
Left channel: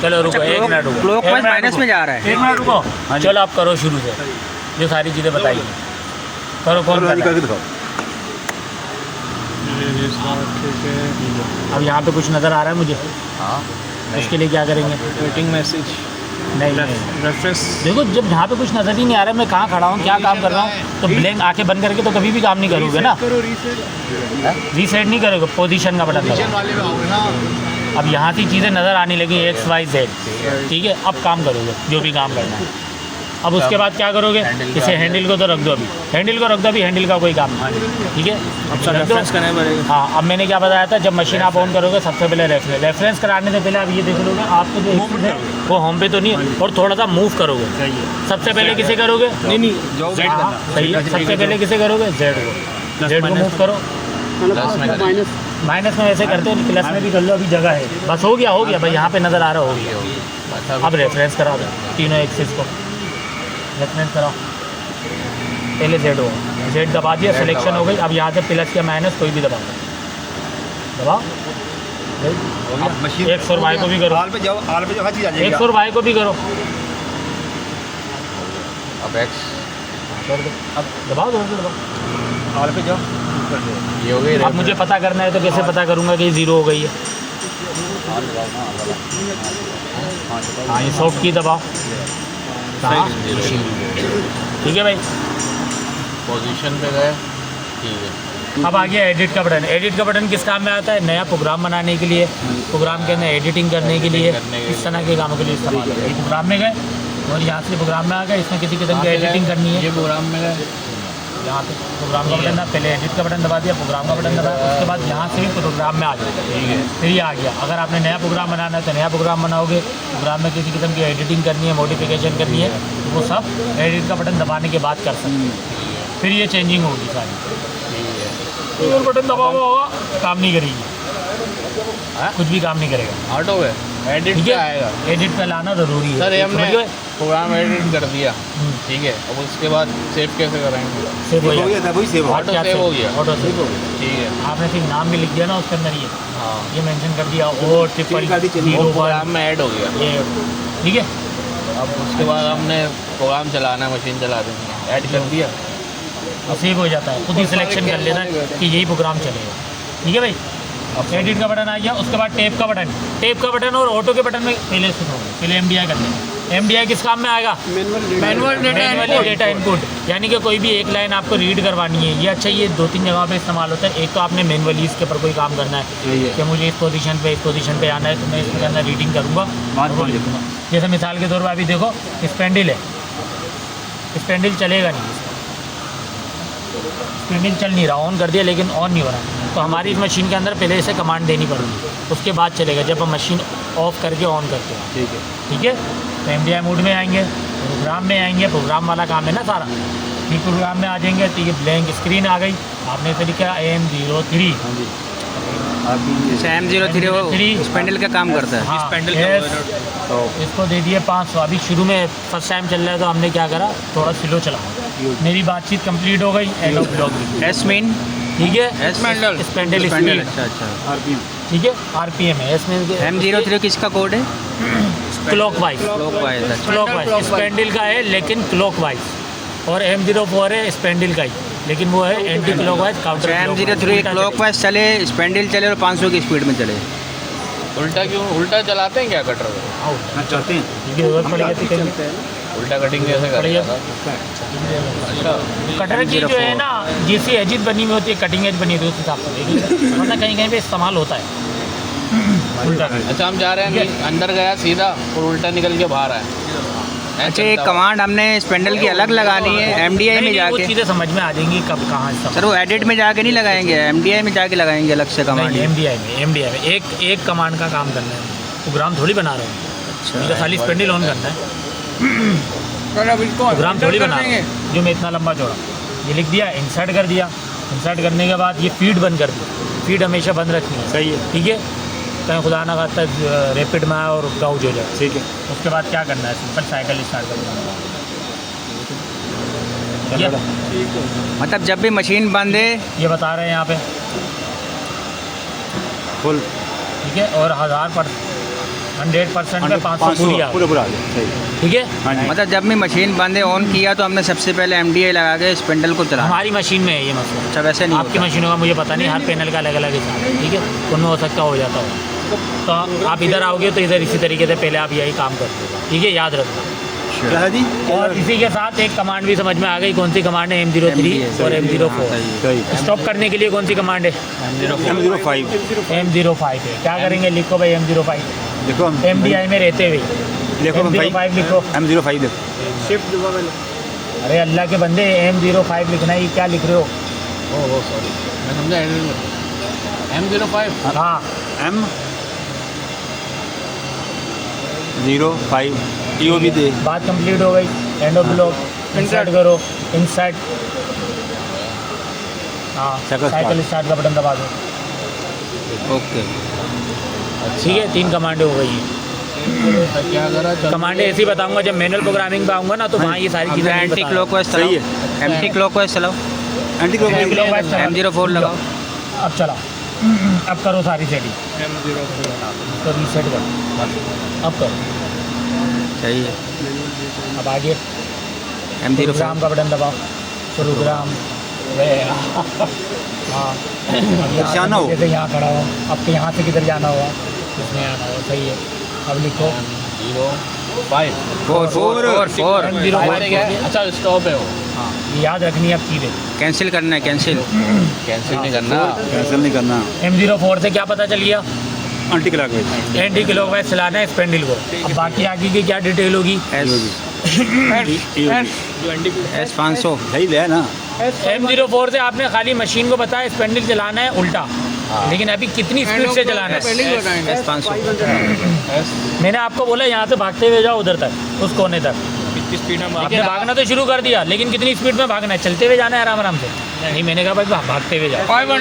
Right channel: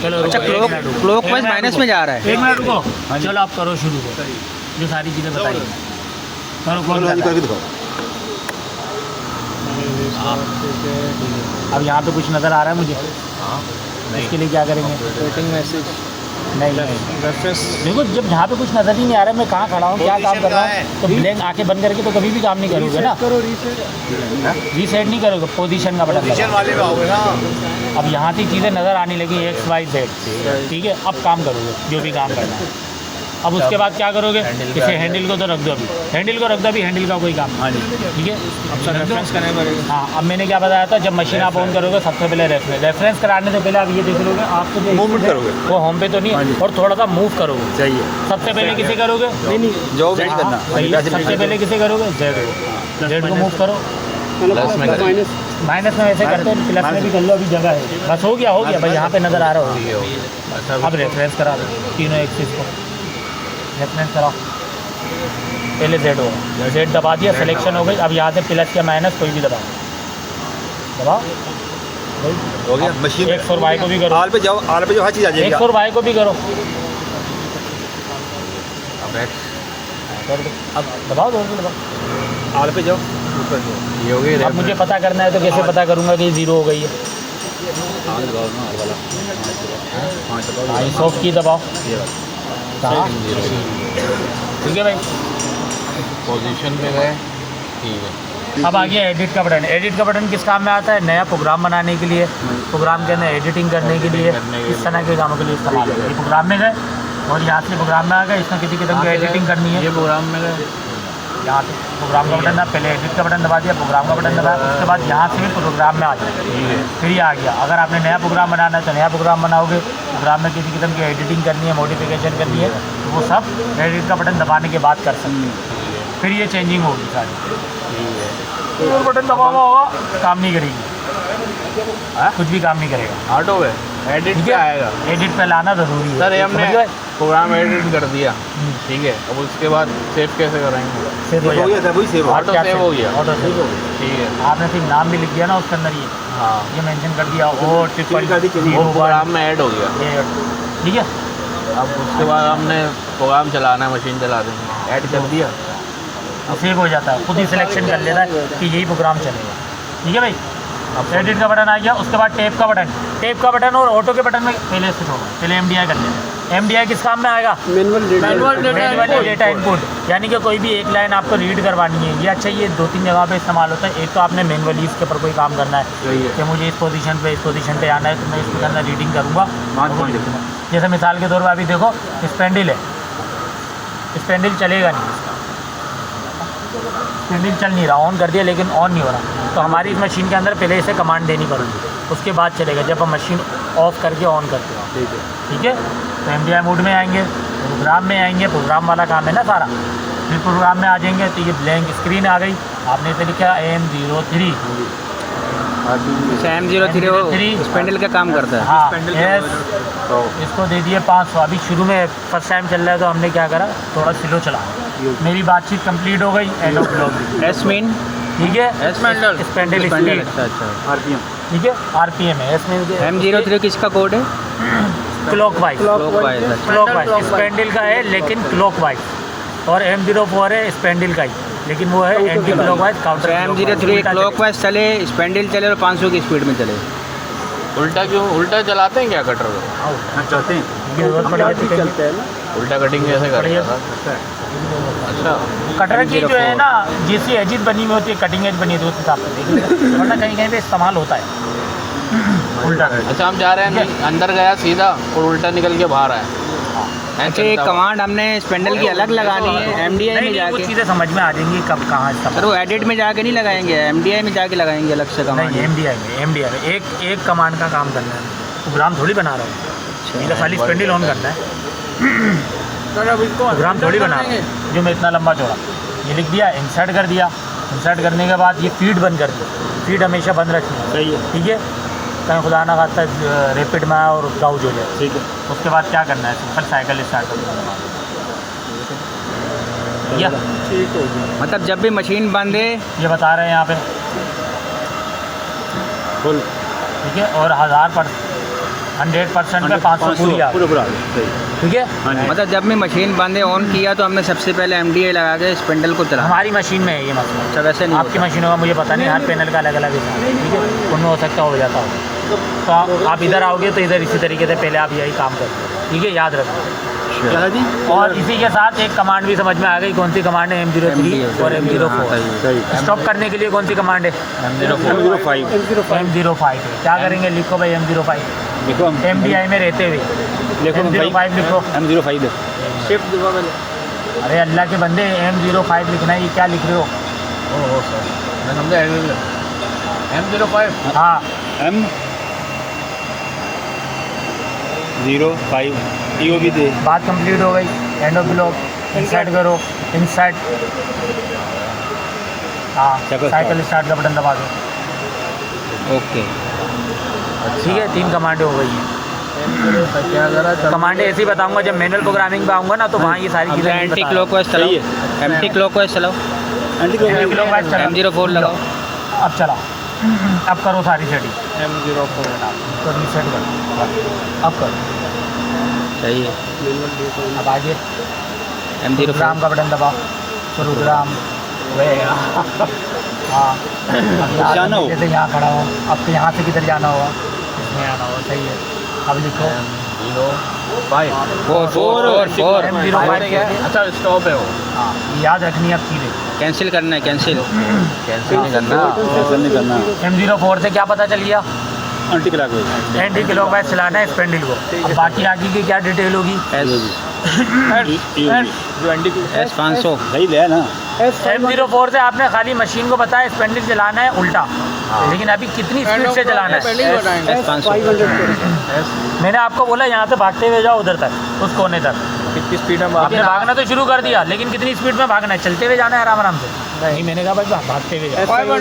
चलो अच्छा, रुको, एक मिनट रुको, क्लॉक एक वाइज मिनट माइनस रुको। में जा रहा है। 1 मिनट रुको, चलो आप करो शुरू से, जो सारी चीज़ें बताइए करो। कौन करके दिखाओ। अब यहाँ पे कुछ नज़र आ रहा है मुझे, हाँ इसके लिए क्या करेंगे? वेटिंग मैसेज नहीं, रेफरेंस देखो जब यहाँ पे कुछ नज़र ही नहीं आ रहा है, मैं कहाँ खड़ा हूँ, क्या काम कर रहा हूँ, तो ब्लैंक आंखें बंद करके तो कभी भी काम नहीं करोगे ना। करो रीसेट। रीसेट नहीं करोगे, पोजीशन का बटन दबाओ। वाले में आओगे ना। अब यहाँ से चीज़ें नज़र आने लगी XYZ, ठीक है। अब काम करोगे जो भी काम करना है। अब उसके बाद क्या करोगे? इसे हैंडल को तो रख दो, अभी हैंडल को रख दो, अभी हैंडल का कोई काम नहीं, ठीक है। अब रख दो। करना पड़ेगा। हाँ, अब मैंने क्या बताया था, जब मशीन आप ऑन करोगे सबसे पहले रेफरेंस कराने से पहले आप ये देख लोगे, आपको जो वो होम पे तो नहीं, और थोड़ा सा मूव करोगे। सबसे पहले किसे करोगे? नहीं जो सही है, सबसे पहले किसे करोगे? जेड को मूव करो। माइनस माइनस में वैसे करते हो, प्लस में भी कर लो, अभी जगह है। बस हो गया भाई, यहाँ पे नज़र आ रहा होगा। अब रेफरेंस करा दो तीनों एक्सिस को, रेफरेंस कराओ। पहले जेड दबा दिया, सिलेक्शन हो गई। अब यहाँ से प्लस या माइनस कोई भी दबाओ। हो गया मशीन। X और Y को भी करो, आल पे जाओ, आल पे जो हर चीज़ आ जाएगी। X और Y को भी करो। अब X कर दो, अब दबाओ, दोनों को दबाओ। आल पे जाओ। ये हो गई। अब मुझे पता करना है तो कैसे पता करूँगा कि 0 हो गई है? हाँ, ये सॉफ्ट की दबाओ, ठीक है भाई। पोजीशन पे गए, ठीक है। अब आ गया एडिट का बटन। एडिट का बटन किस काम में आता है? नया प्रोग्राम बनाने के लिए, प्रोग्राम के अंदर एडिटिंग करने के लिए, इस तरह के कामों के लिए इस्तेमाल होता है। ये प्रोग्राम में गए और यहाँ से प्रोग्राम में आ गए, इसमें किसी किस्म की एडिटिंग करनी है, ये प्रोग्राम में गए, यहाँ पे प्रोग्राम का बटन दबा, पहले एडिट का बटन दबा दिया, प्रोग्राम का बटन दबा, उसके बाद यहाँ से प्रोग्राम में आ जाए, ठीक है। फिर ये आ गया। अगर आपने नया प्रोग्राम बनाना है तो नया प्रोग्राम बनाओगे, प्रोग्राम में किसी किस्म की एडिटिंग करनी है, मॉडिफिकेशन करनी है, तो वो सब एडिट का बटन दबाने के बाद कर सकते हैं। फिर ये चेंजिंग होगी सारी। और बटन दबा हुआ होगा, काम नहीं करेगी, कुछ भी काम नहीं करेगा। ऑटो है, एडिट ठीक क्या है, आएगा? एडिट पे लाना ज़रूरी है। सर ये हमने समझ गए? प्रोग्राम एडिट कर दिया, ठीक है। अब उसके बाद सेव कैसे कराएंगे? सेव हो हो जाता गया था, वही सेव हो। ऑटो क्या सेव हो गया, ऑटो सेव हो ठीक है। गया। आपने फिर नाम भी लिख दिया ना उसके अंदर, हाँ, ये मेंशन कर दिया, ओ ट्रिपल वो प्रोग्राम में ऐड हो गया। ये, ठीक है। अब उसके बाद हमने प्रोग्राम चलाना है, मशीन चला देंगे, ऐड कर दिया। तो सेव हो जाता है, खुद ही सिलेक्शन कर लेना है कि यही प्रोग्राम चलेगा, ठीक है भाई। अब एडिट का बटन आ गया, उसके बाद टेप का बटन और ऑटो के बटन में पहले से होगा। पहले MDI कर लेना। MDI किस काम में आएगा? मैनुअली डेटा इनपुट, यानी कि कोई भी एक लाइन आपको रीड करवानी है। ये अच्छा, ये 2-3 जगह पे इस्तेमाल होता है। एक तो आपने मैनुअली इसके ऊपर कोई काम करना है कि मुझे इस पोजीशन पे आना है, तो मैं इसके अंदर रीडिंग करूँगा। जैसे मिसाल के तौर पर अभी देखो, स्पेंडिल है, स्पेंडिल चलेगा नहीं, स्पेंडिल चल नहीं रहा, ऑन कर दिया लेकिन ऑन नहीं हो रहा, तो हमारी इस मशीन के अंदर पहले इसे कमांड देनी पड़ेगी, उसके बाद चलेगा जब हम मशीन ऑफ करके ऑन करते हैं, ठीक है। तो MDI मोड में आएंगे, प्रोग्राम में आएंगे, प्रोग्राम वाला काम है ना सारा। फिर प्रोग्राम में आ जाएंगे तो ये ब्लैंक स्क्रीन आ गई, आपने इसे लिखा AM03। अच्छा, M03 स्पेंडल का काम करता है। हाँ, yes, तो इसको दे दिए 500। अभी शुरू में फर्स्ट टाइम चल रहा है तो हमने क्या करा, थोड़ा स्लो चला। मेरी बातचीत कंप्लीट हो गई, end of blog, S mean, ठीक है, स्पेंडल स्पेंडल। अच्छा, RPM। ठीक है, RPM है। इसमें M03 किसका कोड है? क्लॉकवाइज, अच्छा। क्लॉकवाइज स्पेंडल का है, लेकिन क्लॉकवाइज। और M04 है स्पेंडल का ही, लेकिन वो है anti clockwise counter. M03 clockwise चले, स्पेंडल चले और 500 की स्पीड में चले। उल्टा क्यों? उल्टा चलाते हैं क्या कटर को? हाँ चाहते हैं क्योंकि जरूरत पड़ जाती है चलते हैं ना। उल्टा कटिंग कैसे करेगा सर? अच्छा, कटर की जो है ना जैसी एजिज बनी हुई होती है, कटिंग एज बनी होती है, उस हिसाब से देखिए, वरना कहीं कहीं पे इस्तेमाल होता है उल्टा। अच्छा हम जा रहे हैं, अंदर गया सीधा और उल्टा निकल के बाहर आया। अच्छा, एक कमांड हमने स्पेंडल की अलग लगानी है एमडीआई में नहीं, वो जाके? चीज़ें समझ में आ जाएंगी कब कहाँ इस्तेमाल। सर वो एडिट में जाके नहीं लगाएंगे, एमडीआई में जाके लगाएंगे अलग से कमांड? नहीं, एमडीआई में एक कमांड का काम करना है, प्रोग्राम थोड़ी बना रहा हूँ, मुझे खाली स्पेंडल ऑन करना है, प्रोग्राम थोड़ी बना रहा हूँ जो मैं इतना लंबा चौड़ा। ये लिख दिया, इंसर्ट कर दिया, इंसर्ट करने के बाद ये फीड बंद कर दो, फीड हमेशा बंद रखनी है, सही है ठीक है, कहीं खुदा ना खाता रैपिड में आए और गाउज हो जाए। ठीक है उसके बाद क्या करना है, सिंपल साइकिल स्टार्ट करना है, मतलब जब भी मशीन बंद है ये बता रहे हैं यहाँ पे, फुल ठीक है, और 100% पे 500 पूरी आ पूरा पूरा सही ठीक है। हाँ जी मतलब जब भी मशीन बंद है ऑन किया तो हमने सबसे पहले एमडीआई लगा के स्पेंडल को चलाना। हमारी मशीन में है ये मसला, अच्छा वैसे नहीं आपकी होता। मशीनों का मुझे पता नहीं, हर पैनल का अलग अलग है, ठीक है, उनमें हो सकता हो जाता हो। तो आप इधर आओगे तो इधर इसी तरीके से पहले आप यही काम करते हो, ठीक है, याद रखो। क्या है जी और इसी के साथ एक कमांड भी समझ में आ गई, कौन सी कमांड है, M03 और M04। सही स्टॉप करने के लिए कौन सी कमांड है, M05 M05 है। क्या करेंगे, लिखो भाई M05, देखो MDI में रहते हुए देखो M05 लिखो। M05 शिफ्ट दबा मैंने। अरे अल्लाह के बंदे, M05 लिखना है, ये क्या लिख रहे हो? ओह सॉरी, मैं समझा M05। हाँ, M05 यो भी दे बात कंप्लीट हो गई, एंड ऑफ ब्लॉक, इंसर्ट करो, इंसर्ट, हाँ, साइकिल स्टार्ट का बटन दबा दो, ओके ठीक है, 3 कमांडें हो गई हैं। क्या करा? चलो कमांडें ऐसी बताऊंगा, जब मैनुअल प्रोग्रामिंग पे आऊँगा ना तो वहाँ ये सारी चीज़ें नहीं एंटी बताऊंगा। क्लॉकवाइज चलाओ, सही एंटी क्लॉकवाइज चलाओ, एंटी क्लॉकवाइज चला। M04 लगाओ। अब चला, अब करो सारी सेटिंग, M04 तो रीसेट करो, बस, अब करो, सही है। अब आगे M04 प्रोग्राम का बटन दबाओ, फिर प्रोग्राम वे हाँ, अब यहाँ जाना हो। जैसे यहाँ खड़ा हो, अब तो यहाँ से किधर जाना होगा, इसमें आना हो, सही है। अब लिखो M05। 4 M05 क्या है? अच्छा स्टॉप है वो, हाँ, ये याद रखनी है अब चीज़ें। कैंसिल करना है, कैंसिल। कैंसिल नहीं करना। कैंसिल नहीं करना M04 से क्या पता चल गया, एंटी क्लॉकवाइज एंटी क्लॉकवाइज चलाना है स्पेंडल को। अब बाकी आगे की क्या डिटेल होगी, S500 सही है ना M04 से आपने खाली मशीन को बताया स्पेंडल चलाना है उल्टा, लेकिन अभी कितनी स्पीड से चलाना है, S500 मैंने आपको बोला यहाँ से भागते हुए जाओ उधर तक, उस कोने तक। कितनी स्पीड में आपने भागना तो शुरू कर दिया, लेकिन कितनी स्पीड में भागना है, चलते हुए जाना है आराम आराम से? नहीं, मैंने कहा भाई भागते हुए जाओ। 500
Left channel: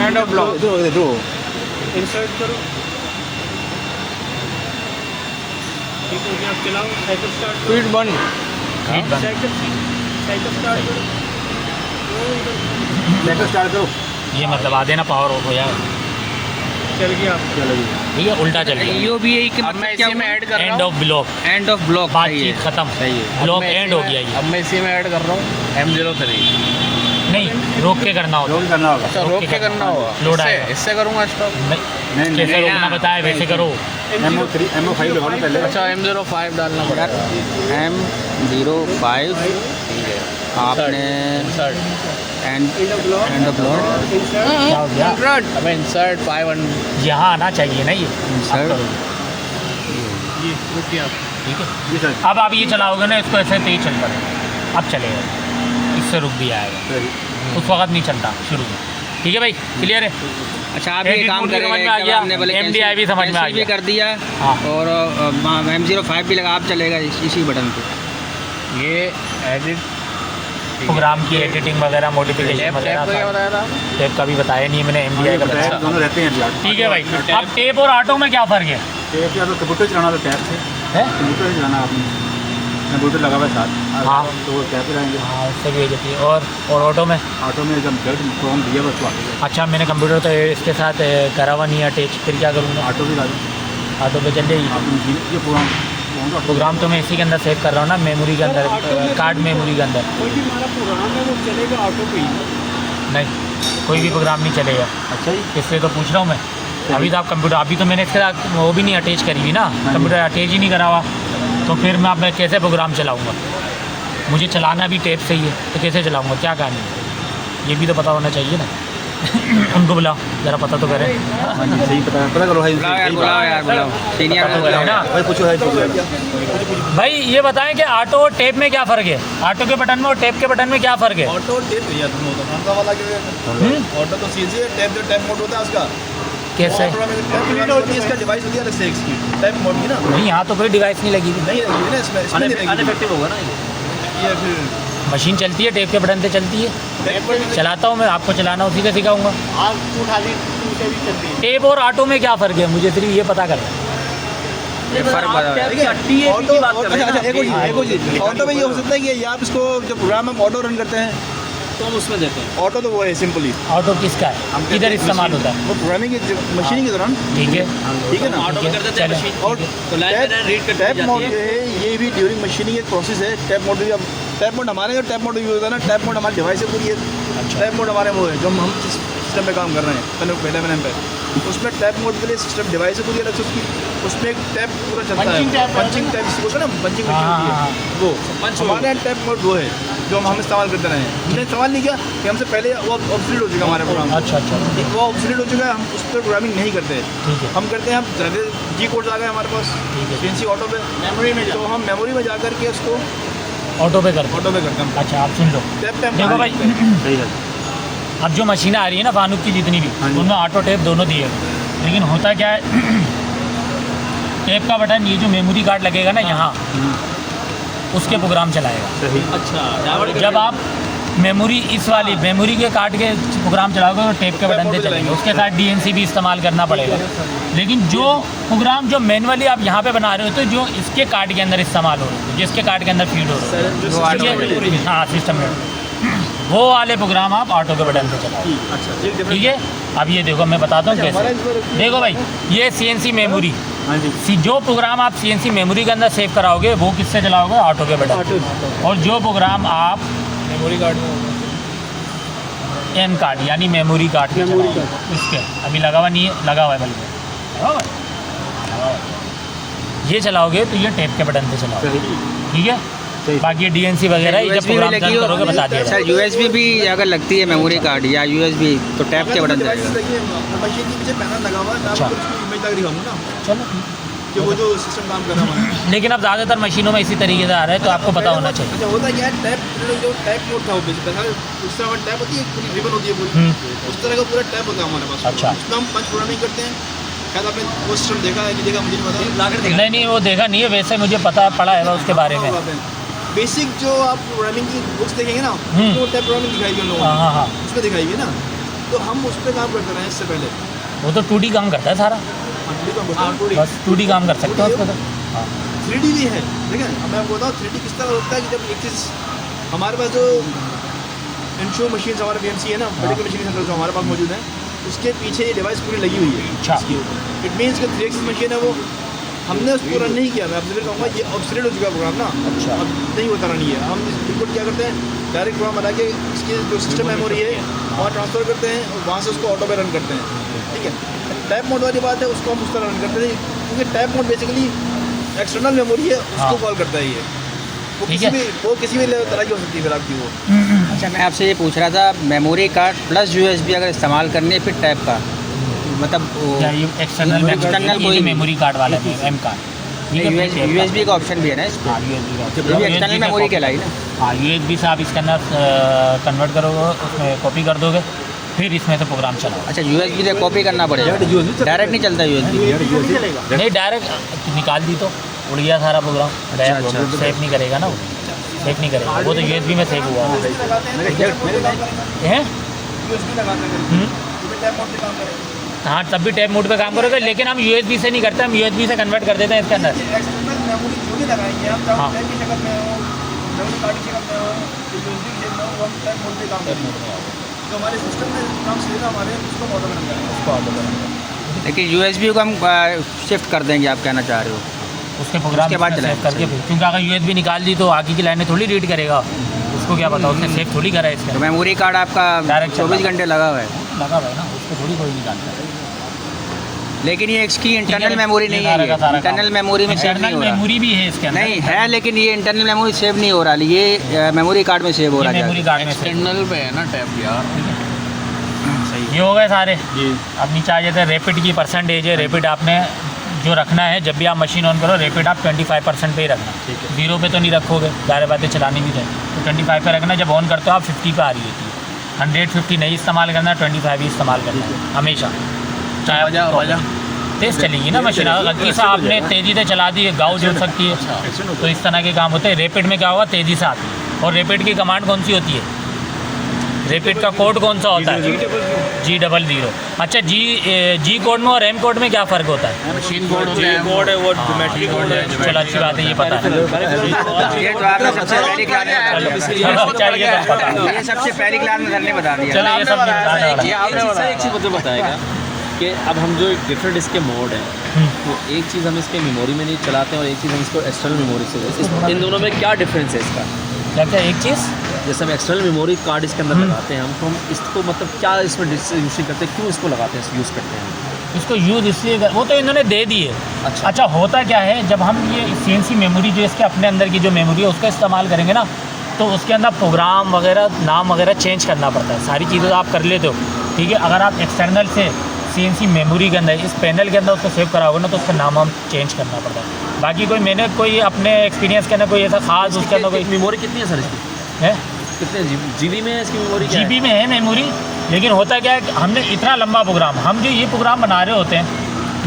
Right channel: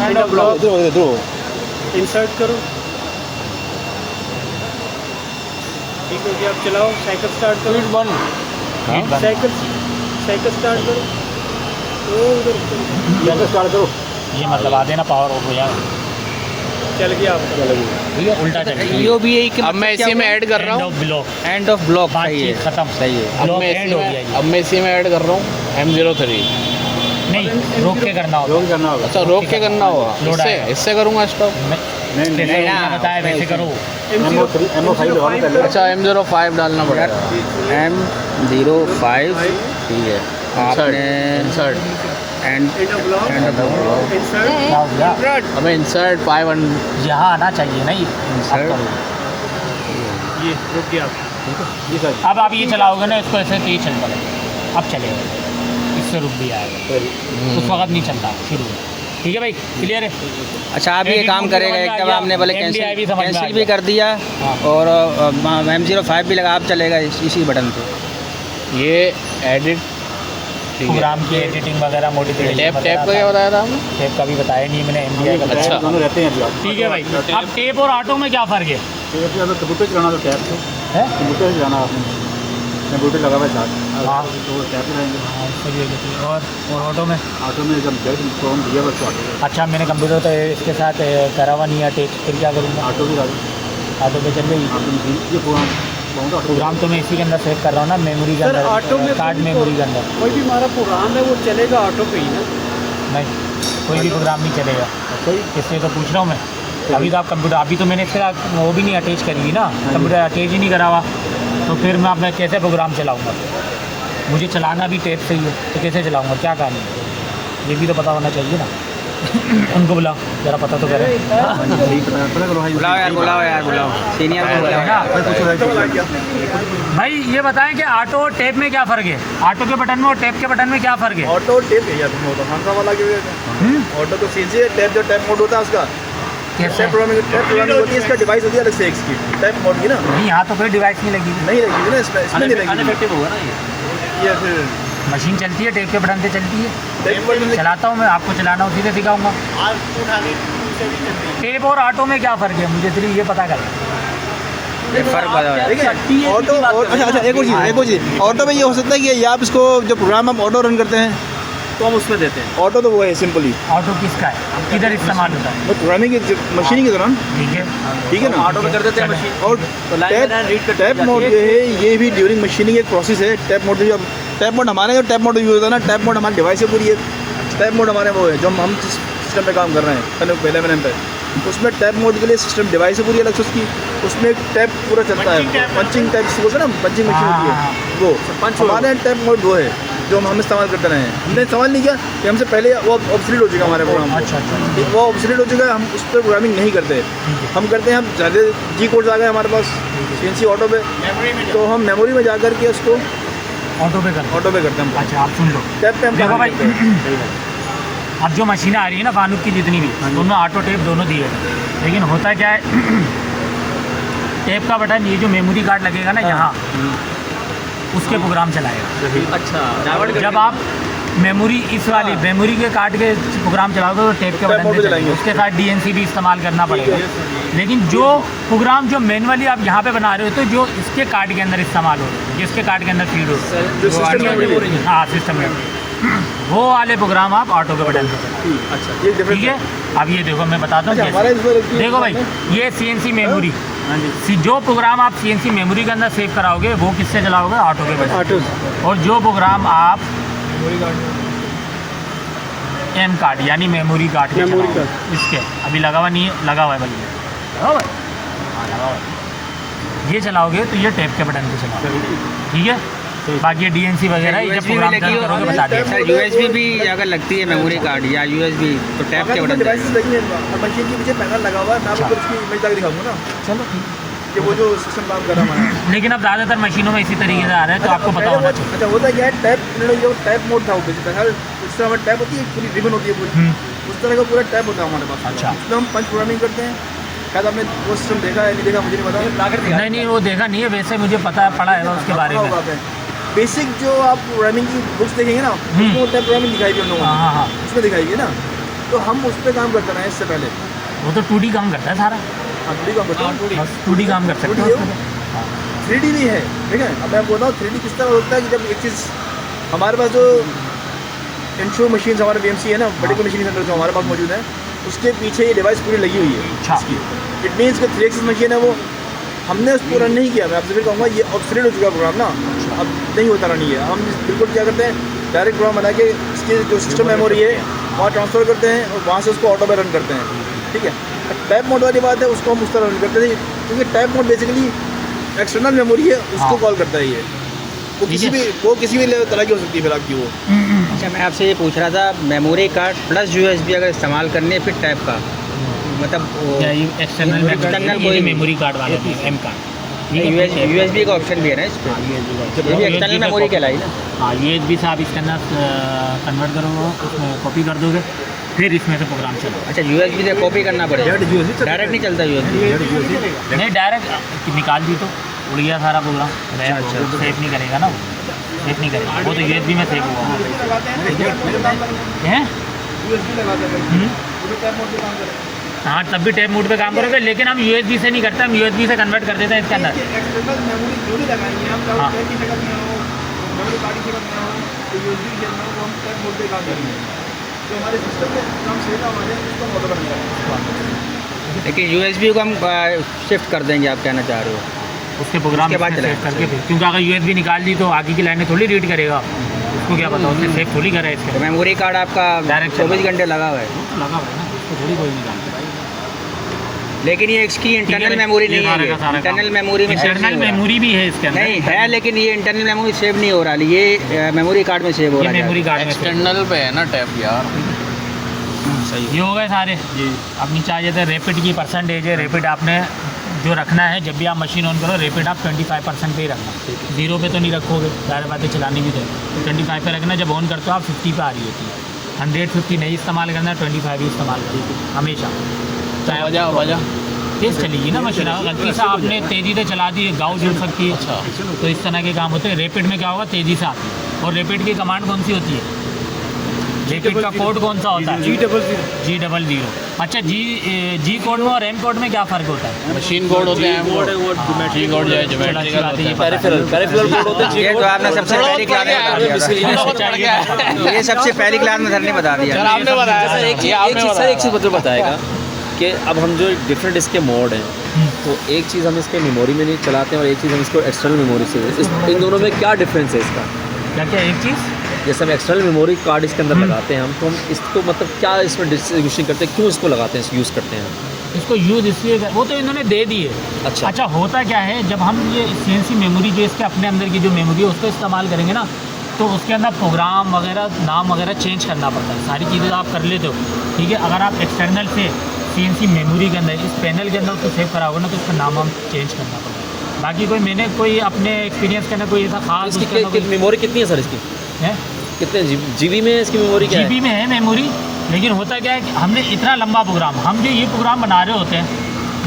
एंड ऑफ ब्लॉक इंसर्ट करो, एक हो गया, आप चलाओ, साइकिल स्टार्ट करो, स्पीड 1। साइकिल स्टार्ट करो, स्टार्ट करो ये मतलब आधे ना पावर ऑफ हो जाए, चल गया आपका। ठीक है, उल्टा चल गया। यो भी यही कि अब मैं इसी में ऐड कर रहा एंड हूँ। Of block, end of block. सही बातचीत है, खत्म, सही है। ब्लॉक एंड हो गया ये। अब मैं इसी में ऐड कर रहा हूँ M03। नहीं, रोक के करना होता रोल करना होगा अच्छा रोक के करना होगा, लोड आएगा। इससे करूँगा स्टॉप। नहीं, जैसे नहीं, रोकना बताया वैसे करो। M05 लगाओ ना पहले अच्छा M05 डालना यार पड़ेगा। M05 ठीक है, आपने insert. And end of block insert क्या हो गया? अब इंसर्ट 500। यहाँ आना चाहिए ना ये, ये रुक गया आप। ठीक है। जी सर अब आप ये चलाओगे ना इसको, ऐसे तेज चल पड़ेगा, अब चलेगा, इससे रुक भी आएगा, उस वक्त नहीं चलता शुरू में। ठीक है भाई, क्लियर है? अच्छा आप ये Edit काम mode करेगा, समझ में एक आ जब गया, आपने बोले MDI भी समझ में आ कैंसिल भी गया। कर दिया हाँ। और M05 भी लगा, आप चलेगा इसी बटन पे। ये एडिट प्रोग्राम की एडिटिंग वगैरह, मॉडिफिकेशन टैप टैप का क्या बताया था आपने? टेप का भी बताया नहीं मैंने, MDI का अच्छा। दोनों रहते हैं अभी ठीक है भाई। अब टेप और ऑटो में क्या फ़र्क है? टैप या तो कंप्यूटर चलाना तो टैप से हैं? कंप्यूटर से जाना आपने कंप्यूटर लगा हुआ है साथ हाँ। तो टैप लगाएंगे हाँ, उससे भी होती है। और ऑटो में? ऑटो में जब जल्द प्रोग्राम दिया बस ऑटो अच्छा, मैंने कंप्यूटर तो इसके साथ करा हुआ नहीं है अटैच, फिर क्या करूँगा? ऑटो भी लगा ऑटो पे चल जाएगी। आपने मशीन ये प्रोग्राम प्रोग्राम तो मैं इसी के अंदर सेव कर रहा हूँ ना, मेमोरी के सर, ऑटो अंदर, में कार्ड मेमोरी के अंदर। कोई भी हमारा प्रोग्राम है वो चलेगा ऑटो पे ही। नहीं, कोई भी प्रोग्राम नहीं चलेगा। इसलिए तो पूछ रहा हूँ मैं। अभी तो आप कंप्यूटर, अभी तो मैंने इसका वो भी नहीं अटैच करी हुई ना, कंप्यूटर अटैच ही नहीं करा हुआ, तो फिर मैं अपने कैसे प्रोग्राम चलाऊँगा? मुझे चलाना भी टेप से ही है, तो कैसे चलाऊँगा? क्या कहानी है, ये भी तो पता होना चाहिए ना। उनको बुलाओ ज़रा, पता तो करें। बुलाओ यार, सीनियर को बुलाओ ना भाई, ये बताएं कि ऑटो और टेप में क्या फ़र्क है? ऑटो के बटन में और टेप के बटन में क्या फ़र्क है? ऑटो और टेप है यार, दोनों तो खानसा वाला की ऑटो को सीधे टैप, जो टैप मोड होता है उसका कैसे? इसका डिवाइस होती है अलग से एक इसकी टैप मोड की ना। नहीं, यहाँ तो कोई डिवाइस नहीं लगी। नहीं लगेगी ना इसमें नहीं लगेगी, अनइफेक्टिव होगा ना ये फिर मशीन चलती है, टेप के बटन से चलती है। टैप मोड में चलाता हूँ मैं, आपको चलाना उसी से सिखाऊंगा। टेप और ऑटो में क्या फ़र्क है, मुझे सिर्फ ये पता कर। ये फर्क बताओ यार। ऑटो अच्छा एक और चीज़ ऑटो में ये हो सकता है कि आप इसको जो प्रोग्राम हम ऑटो रन करते हैं तो हम उसमें देते हैं। ऑटो तो वो है सिंपली ऑटो किसका है, किधर इस्तेमाल होता है? वो प्रोग्रामिंग की मशीन के दौरान, ठीक है, ठीक है ना। ऑटो में कर देते हैं चलें। मशीन। और तो लाइन में रीड करती टैप जाती मोड है। जो है ये भी ड्यूरिंग मशीनिंग एक प्रोसेस है। टैप मोड जो टैप मोड हमारे जो टैप मोड यूज़ होता है ना, टैप मोड हमारे डिवाइस के पूरी है। टैप मोड हमारे वो है जो हम जिस सिस्टम पे काम कर रहे हैं पहले पे, उसमें टैप मोड के लिए सिस्टम डिवाइस है पूरी अलग से उसकी, उसमें एक टैप पूरा चलता है, पंचिंग टैप जिसको कहते हैं ना, पंचिंग मशीन होती है वो हमारे यहाँ टैप मोड वो है जो हम इस्तेमाल करते रहे हैं। हमने इस्तेमाल नहीं किया कि हमसे पहले वो ऑब्सोलीट हो चुका हमारे प्रोग्राम। अच्छा, वो ऑब्सोलीट हो चुका है, हम उस पर प्रोग्रामिंग नहीं करते। हम करते हैं, हम ज़्यादा जी कोड्स आ गए हमारे पास CNC ऑटो पे, तो हम मेमोरी में जा कर के उसको ऑटो पे कर। ऑटो पे करते हैं। अच्छा, आप सुन लो, टैप पे हम देखो भाई, सही है। अब जो मशीनें आ रही है ना फानुक की जितनी भी, उनमें ऑटो टेप दोनों दिए हैं। लेकिन होता क्या है, टेप का बटन ये जो मेमोरी कार्ड लगेगा ना यहाँ, उसके प्रोग्राम चलाएगा। अच्छा, जब आप मेमोरी इस वाली मेमोरी के कार्ड के प्रोग्राम चलाओगे तो टेप के बटन से चलेंगे, उसके साथ DNC भी इस्तेमाल करना पड़ेगा। लेकिन जो प्रोग्राम जो मैनुअली आप यहाँ पे बना रहे हो, तो जो इसके कार्ड के अंदर इस्तेमाल हो, जिसके कार्ड के अंदर फीड हो, हाँ सिस्टम में, वो वाले प्रोग्राम आप ऑटो के बटन से चलाओ। ठीक है, अब ये देखो मैं बताता हूँ कैसे। देखो भाई, ये CNC मेमोरी, जो प्रोग्राम आप CNC मेमोरी के अंदर सेव कराओगे वो किससे चलाओगे? ऑटो के बटन। और जो प्रोग्राम आप मेमोरी कार्ड M कार्ड यानी मेमोरी कार्ड के चलाओगे, इसके अभी लगा हुआ नहीं है, लगा हुआ है भाई, लगा हुआ है, हाँ, लगा हुआ है। ये चलाओगे तो ये टेप के बटन पे चलाओगे। ठीक है, बाकी ये DNC वगैरह जब USB भी प्रोग्राम लगी रन हो करोगे बता दिए। सर, USB भी अगर लगती है मेमोरी कार्ड या USB तो टैप के बटन जाएगा। मशीन के नीचे पैनल लगा हुआ है, मैं आपको उसकी इमेज तक दिखाऊंगा ना चलो, कि वो जो सिस्टम काम कर रहा है हमारा। लेकिन अब ज़्यादातर मशीनों में इसी तरीके से आ रहा है, तो आपको पता होना चाहिए। अच्छा, होता क्या है, टैप जो टैप मोड था वो बेसिकली हर उस तरह हमारी टैप होती है, पूरी रिबन होती है पूरी, उस तरह का पूरा टैप होता है हमारे पास। अच्छा। उसमें हम पंच प्रोग्रामिंग करते हैं। शायद आपने वो सिस्टम देखा है नहीं देखा मुझे नहीं पता। नहीं, वो देखा नहीं है, वैसे मुझे पता है, पढ़ा है उसके बारे में। बेसिक जो आप प्रोग्रामिंग की बुक्स देखेंगे ना, वो टैप प्रोग्रामिंग दिखाई दी उन लोगों ने, हाँ, उसमें दिखाई ना, तो हम उस पर काम करते हैं इससे पहले। वो तो 2D काम करता है सारा, हम 2D काम करते हैं, बस 2D काम कर सकते हैं उसमें तो। 3D भी है, ठीक है। अब मैं बोलता हूँ 3D किस तरह होता है कि जब एक चीज़ हमारे पास जो इंश्योर मशीन हमारे BMC है ना, बड़ी की मशीन जो हमारे पास मौजूद है, उसके पीछे ये डिवाइस पूरी लगी हुई है। अच्छा, इट मीन्स कि 3 एक्सिस मशीन है, वो हमने उसको रन नहीं किया। मैं आपसे फिर कहूँगा ये ऑब्सोलीट हो चुका प्रोग्राम ना, अब नहीं होता नहीं है। हम बिल्कुल क्या करते हैं, डायरेक्ट प्रोग्राम बना के इसकी जो सिस्टम मेमोरी है वहाँ ट्रांसफ़र करते हैं और वहाँ से उसको ऑटो पे रन करते हैं। ठीक है, टैप मोड वाली बात है, उसको हम उस तरह रन करते हैं, क्योंकि tap mode basically external memory है, उसको कॉल करता है ये। वो किसी भी तरह की हो सकती है फिर आपकी वो। अच्छा, मैं आपसे ये पूछ रहा था, मेमोरी कार्ड प्लस USB अगर इस्तेमाल करनी है फिर टैप का मतलब वो एक्सटर्नल कोई मेमोरी कार्ड वाला नहीं, M कार्ड, USB का ऑप्शन भी है ना इस पर, ये भी एक्सटर्नल मेमोरी कहलाई ना। हाँ, USB से आप इसके अंदर कन्वर्ट करोगे, उसमें कॉपी कर दोगे, फिर इसमें से प्रोग्राम चलाओ। अच्छा, USB से कॉपी करना पड़ेगा, डायरेक्ट नहीं चलता USB? नहीं, डायरेक्ट निकाल दी तो उड़ गया सारा प्रोग्राम। अच्छा, सेव नहीं करेगा ना, वो सेव नहीं करेगा, वो तो USB में सेव हुआ है। हाँ, तब भी टैप मोड पे काम करोगे, लेकिन हम USB से नहीं करते, हम USB से कन्वर्ट कर देते हैं इसके अंदर। एक्सटर्नल मेमोरी जो भी लगाएंगे हम, चाहे की शक्ल में हो, मेमोरी कार्ड की शक्ल में हो, तो USB की शक्ल में हो, वो हम टैप मोड पे काम करते हैं। जो हमारे सिस्टम में काम सीधा हमारे उसको ऑटो बन रहा है। लेकिन USB को हम शिफ्ट कर देंगे, आप कहना चाह रहे हो? उसके प्रोग्राम के बाद सेव करके, क्योंकि अगर USB निकाल दी तो आगे की लाइनें थोड़ी रीड करेगा, उसको क्या पता, उसने सेव थोड़ी करा है इसके। तो मेमोरी कार्ड आपका डायरेक्ट 24 घंटे लगा हुआ है? लगा हुआ है ना, उसको थोड़ी कोई निकालता है। लेकिन ये इसकी इंटरनल मेमोरी नहीं सारा का है, सारा इंटरनल मेमोरी में सेव इंटरनल नहीं हो रहा। मेमोरी भी है इसके अंदर। नहीं है, लेकिन ये इंटरनल मेमोरी सेव नहीं हो रहा, ये मेमोरी कार्ड में सेव हो रहा है। मेमोरी कार्ड में एक्सटर्नल पे है ना टैप यार। ये हो गए सारे। अब नीचे आ जाते हैं रैपिड की परसेंटेज है। रैपिड आपने जो रखना है, जब भी आप मशीन ऑन करो रैपिड आप 25% पे ही रखना, 0 पे तो नहीं रखोगे, ज़ाहिर बातें चलानी भी चाहिए। तो 25 पे रखना, जब ऑन करते हो आप 50 पे आ रही होती है। 150 नहीं इस्तेमाल करना, 25 ही इस्तेमाल करना है हमेशा। वजह तेज़ चलेगी ना मशीन। अगर गलती से आपने तेज़ी से चला दी, गाँव जल सकती है। तो इस तरह के काम होते हैं। रैपिड में क्या होगा, तेज़ी से आती है। और रैपिड की कमांड कौन सी होती है, रैपिड का कोड कौन सा होता है, G00। अच्छा, जी कोड में और एम कोड में क्या फ़र्क होता है? मशीन कोड होता है, कोड है वो डोमेस्टिक कोड है। चलो अच्छी बात है, ये पता है। ये तो आपने सबसे पहली क्लास में बता दिया, ये सबसे पहली क्लास में सर ने बता दिया। चलो, ये सब सर एक चीज़ मुझे बताएगा कि अब हम जो डिफरेंट इसके मोड हैं, तो एक चीज़ हम इसके मेमोरी में नहीं चलाते हैं और एक चीज़ हम इसको एक्सटर्नल मेमोरी से, इन दोनों में क्या डिफरेंस है इसका? क्या क्या एक चीज़, जैसे हम एक्सटर्नल मेमोरी कार्ड इसके अंदर लगाते हैं हम, तो हम इसको मतलब क्या इसमें डिस्ट्रीब्यूशन करते हैं, क्यों इसको लगाते हैं, यूज़ करते हैं? इसको यूज़ इसलिए वो तो इन्होंने दे दी है। अच्छा। अच्छा, होता क्या है, जब हम ये CNC मेमोरी जो इसके अपने अंदर की जो मेमोरी है उसका इस्तेमाल करेंगे ना, तो उसके अंदर प्रोग्राम वगैरह, नाम वगैरह चेंज करना पड़ता है। सारी चीज़ें आप कर लेते हो, ठीक है। अगर आप एक्सटर्नल से CNC मेमोरी के अंदर, इस पैनल के अंदर उसको सेव कराओगे ना, तो उसका नाम हम चेंज करना पड़ता है। बाकी कोई मैंने कोई अपने एक्सपीरियंस के अंदर कोई ऐसा खास उसके अंदर कोई मेमोरी कितनी है सर इसकी? है, कितने जीबी में इसकी मेमोरी क्या है? GB में है मेमोरी। लेकिन होता क्या है कि हमने इतना लंबा प्रोग्राम, हम जो ये प्रोग्राम बना रहे होते हैं,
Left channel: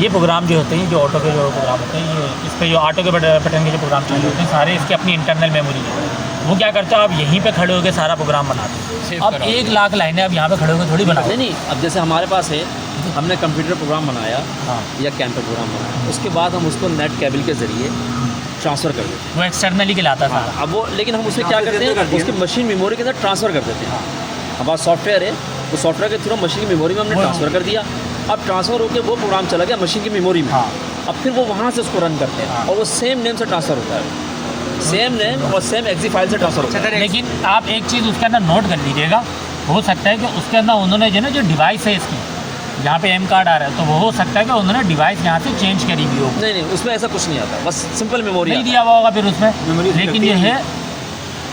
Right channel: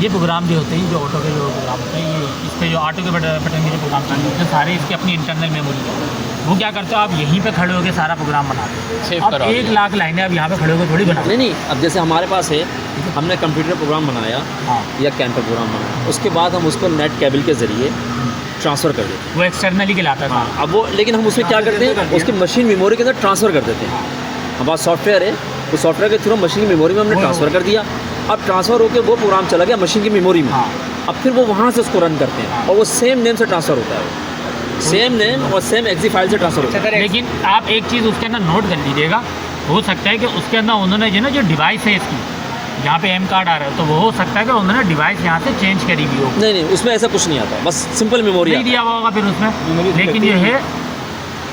ये प्रोग्राम जो होते हैं, जो ऑटो के जो प्रोग्राम होते हैं, ये इस पर जो ऑटो के बटन के जो प्रोग्राम चाहिए होते हैं, सारे इसके अपनी इंटरनल मेमोरी है। वो क्या करते हो, आप यहीं पे खड़े होकर सारा प्रोग्राम बनाते सेव हो। अब करो। 1 लाख लाइनें आप यहाँ पे खड़े होकर थोड़ी बना। नहीं नहीं, अब जैसे हमारे पास है, हमने कंप्यूटर प्रोग्राम बनाया हाँ, या कैंपर प्रोग्राम बनाया, उसके बाद हम उसको नेट केबल के ज़रिए ट्रांसफ़र कर देते हैं। वो एक्सटर्नली कहलाता है सारा। अब वो, लेकिन हम उसमें क्या करते हैं, उसकी मशीन मेमोरी के अंदर ट्रांसफ़र कर देते हैं। हमारे पास सॉफ्टवेयर है, तो सॉफ्टवेयर के थ्रू मशीन की मेमोरी में हमने ट्रांसफ़र कर दिया। अब ट्रांसफ़र होकर वो प्रोग्राम चला गया मशीन की मेमोरी में। हाँ। अब फिर वो वहाँ से उसको रन करते हैं और वो सेम नेम से ट्रांसफ़र होता है, सेम नेम और सेम एक्सी फाइल से ट्रांसफ़र होता है। लेकिन आप एक चीज़ उसके अंदर नोट कर लीजिएगा, हो सकता है कि उसके अंदर उन्होंने जो ना जो डिवाइस है इसकी, यहाँ पे M कार्ड आ रहा है, तो वो हो सकता है कि उन्होंने डिवाइस यहाँ से चेंज करी हुई हो। नहीं नहीं, उसमें ऐसा कुछ नहीं आता, बस सिंपल मेमोरी नहीं दिया हुआ होगा फिर उसमें, लेकिन ये है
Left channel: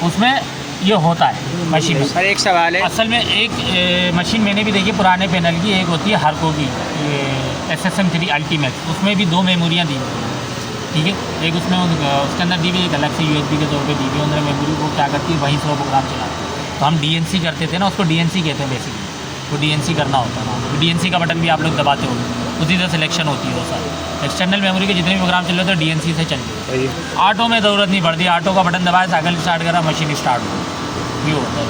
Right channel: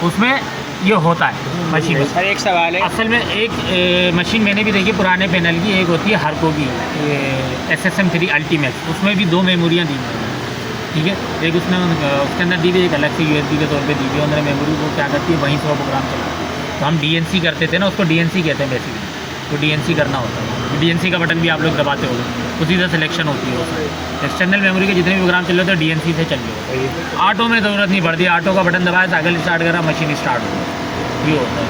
उसमें ये होता है मशीन में। सर एक सवाल है, असल में एक मशीन मैंने भी देखी पुराने पैनल की, एक होती है हरको की, ये SSM3 अल्टीमेट, उसमें भी 2 मेमोरियाँ दी हुई हैं, ठीक है। एक उसमें उसके अंदर दी हुई, एक अलग से USB के तौर पे दी हुई है। उन्होंने मेमोरी को क्या करती है, वहीं से वो प्रोग्राम चलाती है। तो हम DNC करते थे ना, उसको DNC कहते हैं बेसिकली, तो DNC करना होता है। तो DNC का बटन भी आप लोग दबाते हो, उसी से सिलेक्शन होती है वो सारी। एक्सटर्नल मेमोरी के जितने भी प्रोग्राम चल रहे थे DNC से चल रहे हैं। ऑटो में ज़रूरत नहीं पड़ती, ऑटो का बटन दबाया, साइकिल स्टार्ट करा, मशीन स्टार्ट हो गई, ये होता है।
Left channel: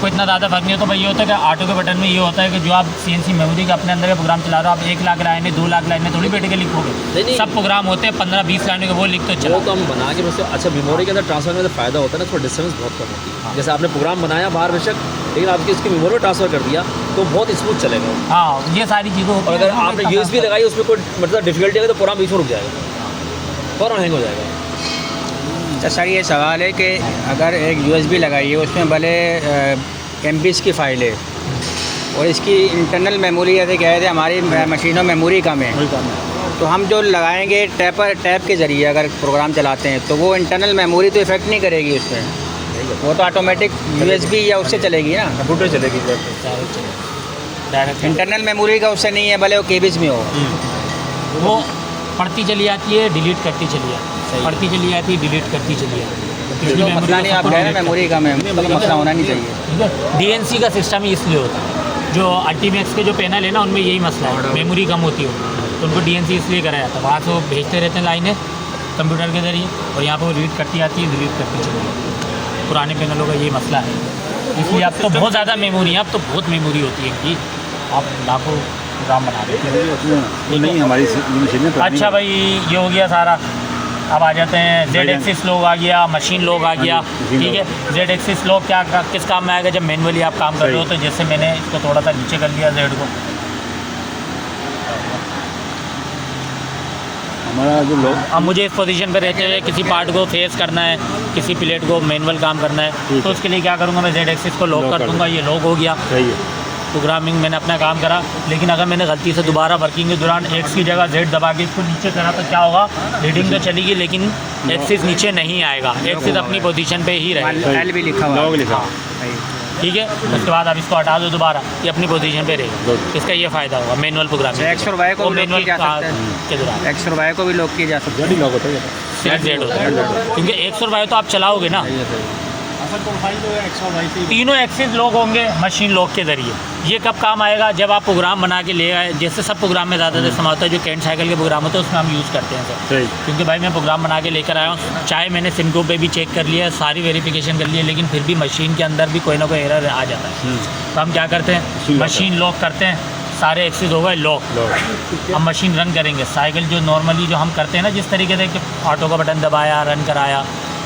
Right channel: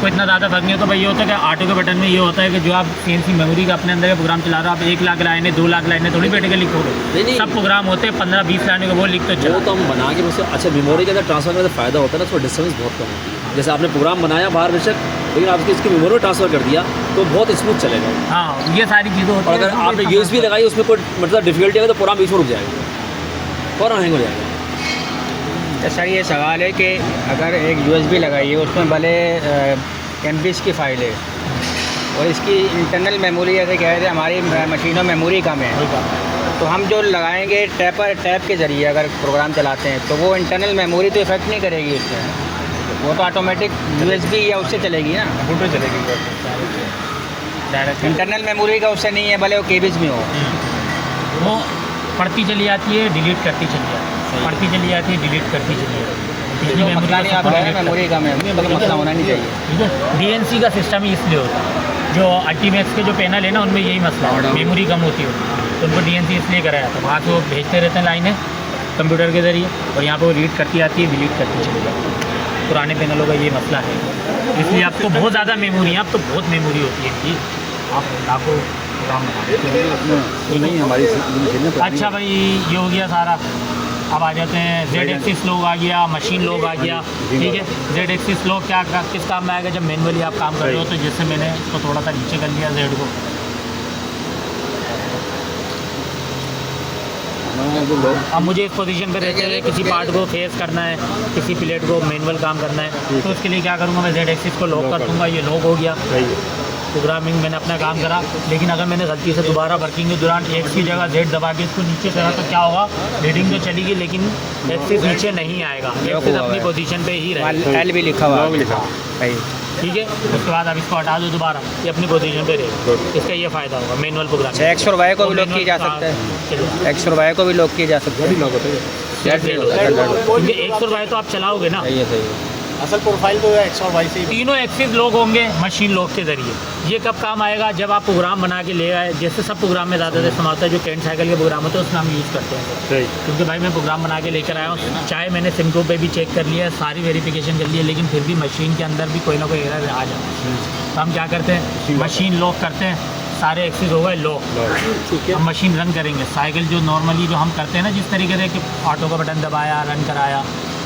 कोई इतना ज़्यादा फर्क नहीं होता भाई। ये होता है कि ऑटो के बटन में ये होता है कि जो आप CNC मेमोरी के अपने अंदर का प्रोग्राम चला रहे हो, आप 1 लाख लाइनें 2 लाख लाइनें थोड़ी बैठ के लिखोगे। नहीं। सब प्रोग्राम होते हैं 15-20 लाइनें का, वो लिख तो चलो। वो तो हम बना के उससे, अच्छा मेमोरी के अंदर ट्रांसफर करने से फ़ायदा होता है ना, तो डिस्टेंस बहुत कम होती है। जैसे आपने प्रोग्राम बनाया बाहर बेशक, लेकिन आपकी इसकी मेमोरी में ट्रांसफ़र कर दिया तो बहुत स्मूथ चलेगा। हाँ, ये सारी चीज़ें होती और हैं। अगर आपने USB लगाई, उसमें कोई मतलब डिफिकल्टी आएगा तो प्रोग्राम बीच में रुक जाएगा, फ़ौरन हैंग हो जाएगा। अच्छा सर ये सवाल है कि अगर एक USB लगाई है, उसमें भले MBs की फ़ाइल है और इसकी इंटरनल मेमोरी ऐसे कह रहे थे हमारी मशीनों में मेमोरी कम है, तो हम जो लगाएंगे टैप के ज़रिए अगर प्रोग्राम चलाते हैं, तो वो इंटरनल मेमोरी तो इफेक्ट नहीं करेगी उसमें, वो तो ऑटोमेटिक USB या उससे चलेगी ना, कंप्यूटर चलेगी। इंटरनल मेमोरी का उससे नहीं है, भले वो केबीज में हो, वो पढ़ती चली जाती है, डिलीट करती चली जाती है, पढ़ती चली जाती है, डिलीट करती चली जाती है। जो मसला नहीं, आप कह रहे हैं मेमोरी कम है, मतलब मसला होना नहीं चाहिए। ठीक है, DNC का सिस्टम ही इसलिए होता है। जो अल्टीमेक्स के जो पैनल है ना, उनमें यही मसला है, मेमोरी कम होती है, तो उनको DNC इसलिए कराया था। वहाँ से वो भेजते रहते हैं लाइनें कंप्यूटर के ज़रिए, और यहाँ पर वो रीड करती आती है, डिलीट करती चली जाती है। पुराने पैनलों का ये मसला है, इसलिए अब तो बहुत ज़्यादा मेमोरी है, अब तो बहुत मेमोरी होती है कि आप लाखों काम बना देते हैं। नहीं हमारी मशीनें तो अच्छा भाई, ये हो गया सारा। अब आ जाते हैं Z एक्सिस लॉग आ गया, मशीन लॉग आ गया, ठीक है। Z एक्सिस लॉग क्या किस काम में आएगा, जब मैनुअली आप काम कर रहे हो, तो जैसे मैंने इसको थोड़ा सा नीचे कर लिया Z को, हमारा जो अब मुझे इस पोजीशन पे रहते हुए किसी पार्ट को फेस करना है, किसी प्लेट को मैनुअल काम करना है, तो उसके लिए क्या करूँगा, मैं Z एक्सिस को लॉक कर दूँगा, ये लॉक हो गया। प्रोग्रामिंग मैंने अपना काम करा, लेकिन अगर मैंने गलती से दोबारा वर्किंग के दौरान एक्स की जगह जेड दबा के इसको नीचे करा तो क्या होगा, रीडिंग तो चलेगी लेकिन एक्सिस नीचे नहीं आएगा, एक्सिस अपनी पोजीशन पे ही रहेगा। एल भी लिखा हुआ है। ठीक है, उसके बाद अब इसको हटा दो दोबारा, ये अपनी पोजीशन पे रहेगा। इसका ये फ़ायदा होगा मैनुअल प्रोग्रामिंग। एक्स और वाई को भी लॉक किया जा सकता है, एक्स और वाई को भी लॉक किया जा सकता है, क्योंकि एक्स और वाई तो आप चलाओगे ना, असल प्रोफाइल तो एक्स और वाई से तीनों एक्सिस लॉक होंगे मशीन लॉक के ज़रिए। ये कब काम आएगा, जब आप प्रोग्राम बना के ले आए, जैसे सब प्रोग्राम में ज़्यादातर इस्तेमाल होता है जो कैंट साइकिल के प्रोग्राम होते हैं उसमें हम यूज़ करते हैं। क्योंकि भाई मैं प्रोग्राम बना के लेकर आया हूँ, चाहे मैंने सिमको पे भी चेक कर लिया है, सारी वेरिफिकेशन कर ली है, लेकिन फिर भी मशीन के अंदर भी कोई ना कोई एरर आ जाता है। तो हम क्या करते हैं, मशीन लॉक करते हैं, सारे एक्सिस हो गए लॉक, हम मशीन रन करेंगे। साइकिल जो नॉर्मली जो हम करते हैं ना, जिस तरीके से कि ऑटो का बटन दबाया, रन कराया,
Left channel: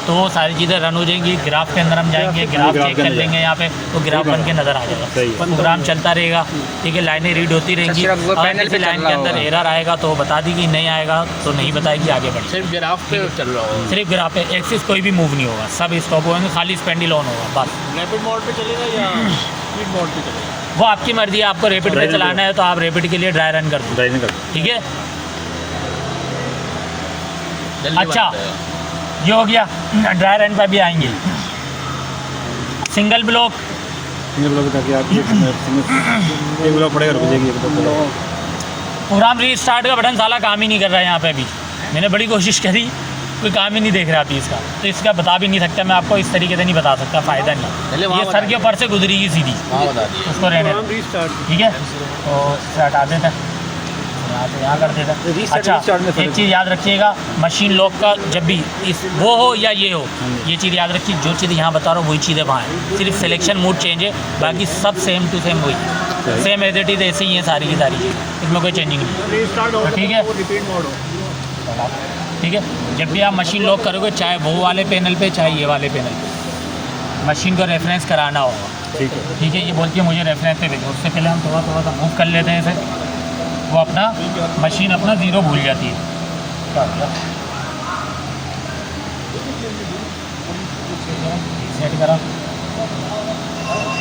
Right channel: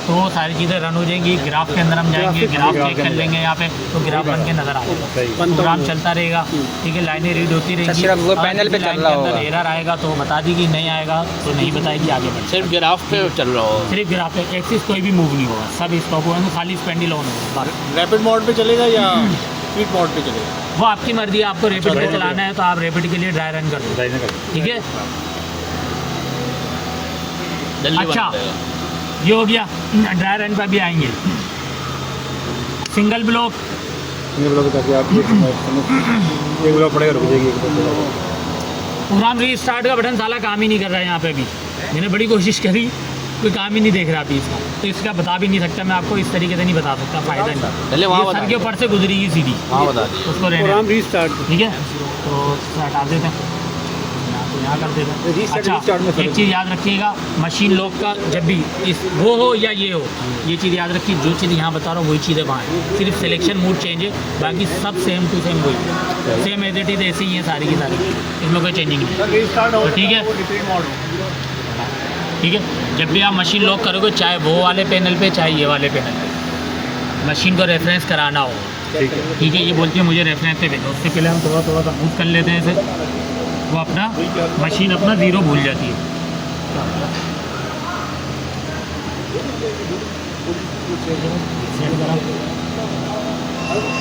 तो वो सारी चीज़ें रन हो जाएंगी। ग्राफ के अंदर हम जाएंगे, ग्राफ चेक कर लेंगे यहाँ पे, तो ग्राफ बन के नज़र आ जाएगा, प्रोग्राम चलता रहेगा। ठीक है, लाइनें रीड होती रहेंगी। सिर्फ वो पैनल पे चल रहा होगा, एरर आएगा तो बता देगी, नहीं आएगा तो नहीं बताएगी, आगे बढ़े। सिर्फ ग्राफ पे चल रहा हो, सिर्फ ग्राफ पे, एक्सिस कोई भी मूव नहीं होगा, सब स्टॉप होगा, खाली स्पेंडिल ऑन होगा बस। रैपिड मोड पे चलेगा या स्पीड मोड पे चलेगा? वो आपकी मर्जी है, आपको रैपिड पे चलाना है तो आप रैपिड के लिए ड्राई रन कर दो। ठीक है, अच्छा ये हो गया। ड्राई रन पर भी आएंगे। सिंगल ब्लॉक प्रोग्राम रीस्टार्ट का बटन साला काम ही नहीं कर रहा है यहाँ पे भी। मैंने बड़ी कोशिश करी, कोई काम ही नहीं देख रहा थी इसका, तो इसका बता भी नहीं सकता मैं आपको, इस तरीके से नहीं बता सकता, फ़ायदा नहीं। ये सर के ऊपर से गुजरी ही सीधी, उसको रहने दो। ठीक है, तो इसे हटा देते हैं, यहाँ तो यहाँ कर देता। अच्छा एक चीज़ याद रखिएगा, मशीन लॉक का जब भी इस वो हो या ये हो, ये चीज़ याद रखिए, जो चीज़ यहाँ बता रहा हूँ वही चीज़ें वहाँ है, सिर्फ सिलेक्शन मोड चेंज है, बाकी सब सेम टू सेम वही है, सेम एज इट इज़ ऐसे ही है सारी की सारी, इसमें कोई चेंजिंग नहीं। तो ठीक है, ठीक है, जब भी आप मशीन लॉक करोगे, चाहे वो वाले पैनल पे चाहे ये वाले पैनल पे, मशीन को रेफरेंस कराना होगा। ठीक है, ये बोलती है मुझे रेफरेंस पे भेजो, उससे पहले हम थोड़ा सा मूव कर लेते हैं इसे, वो अपना मशीन अपना ज़ीरो भूल जाती है। सेट करा,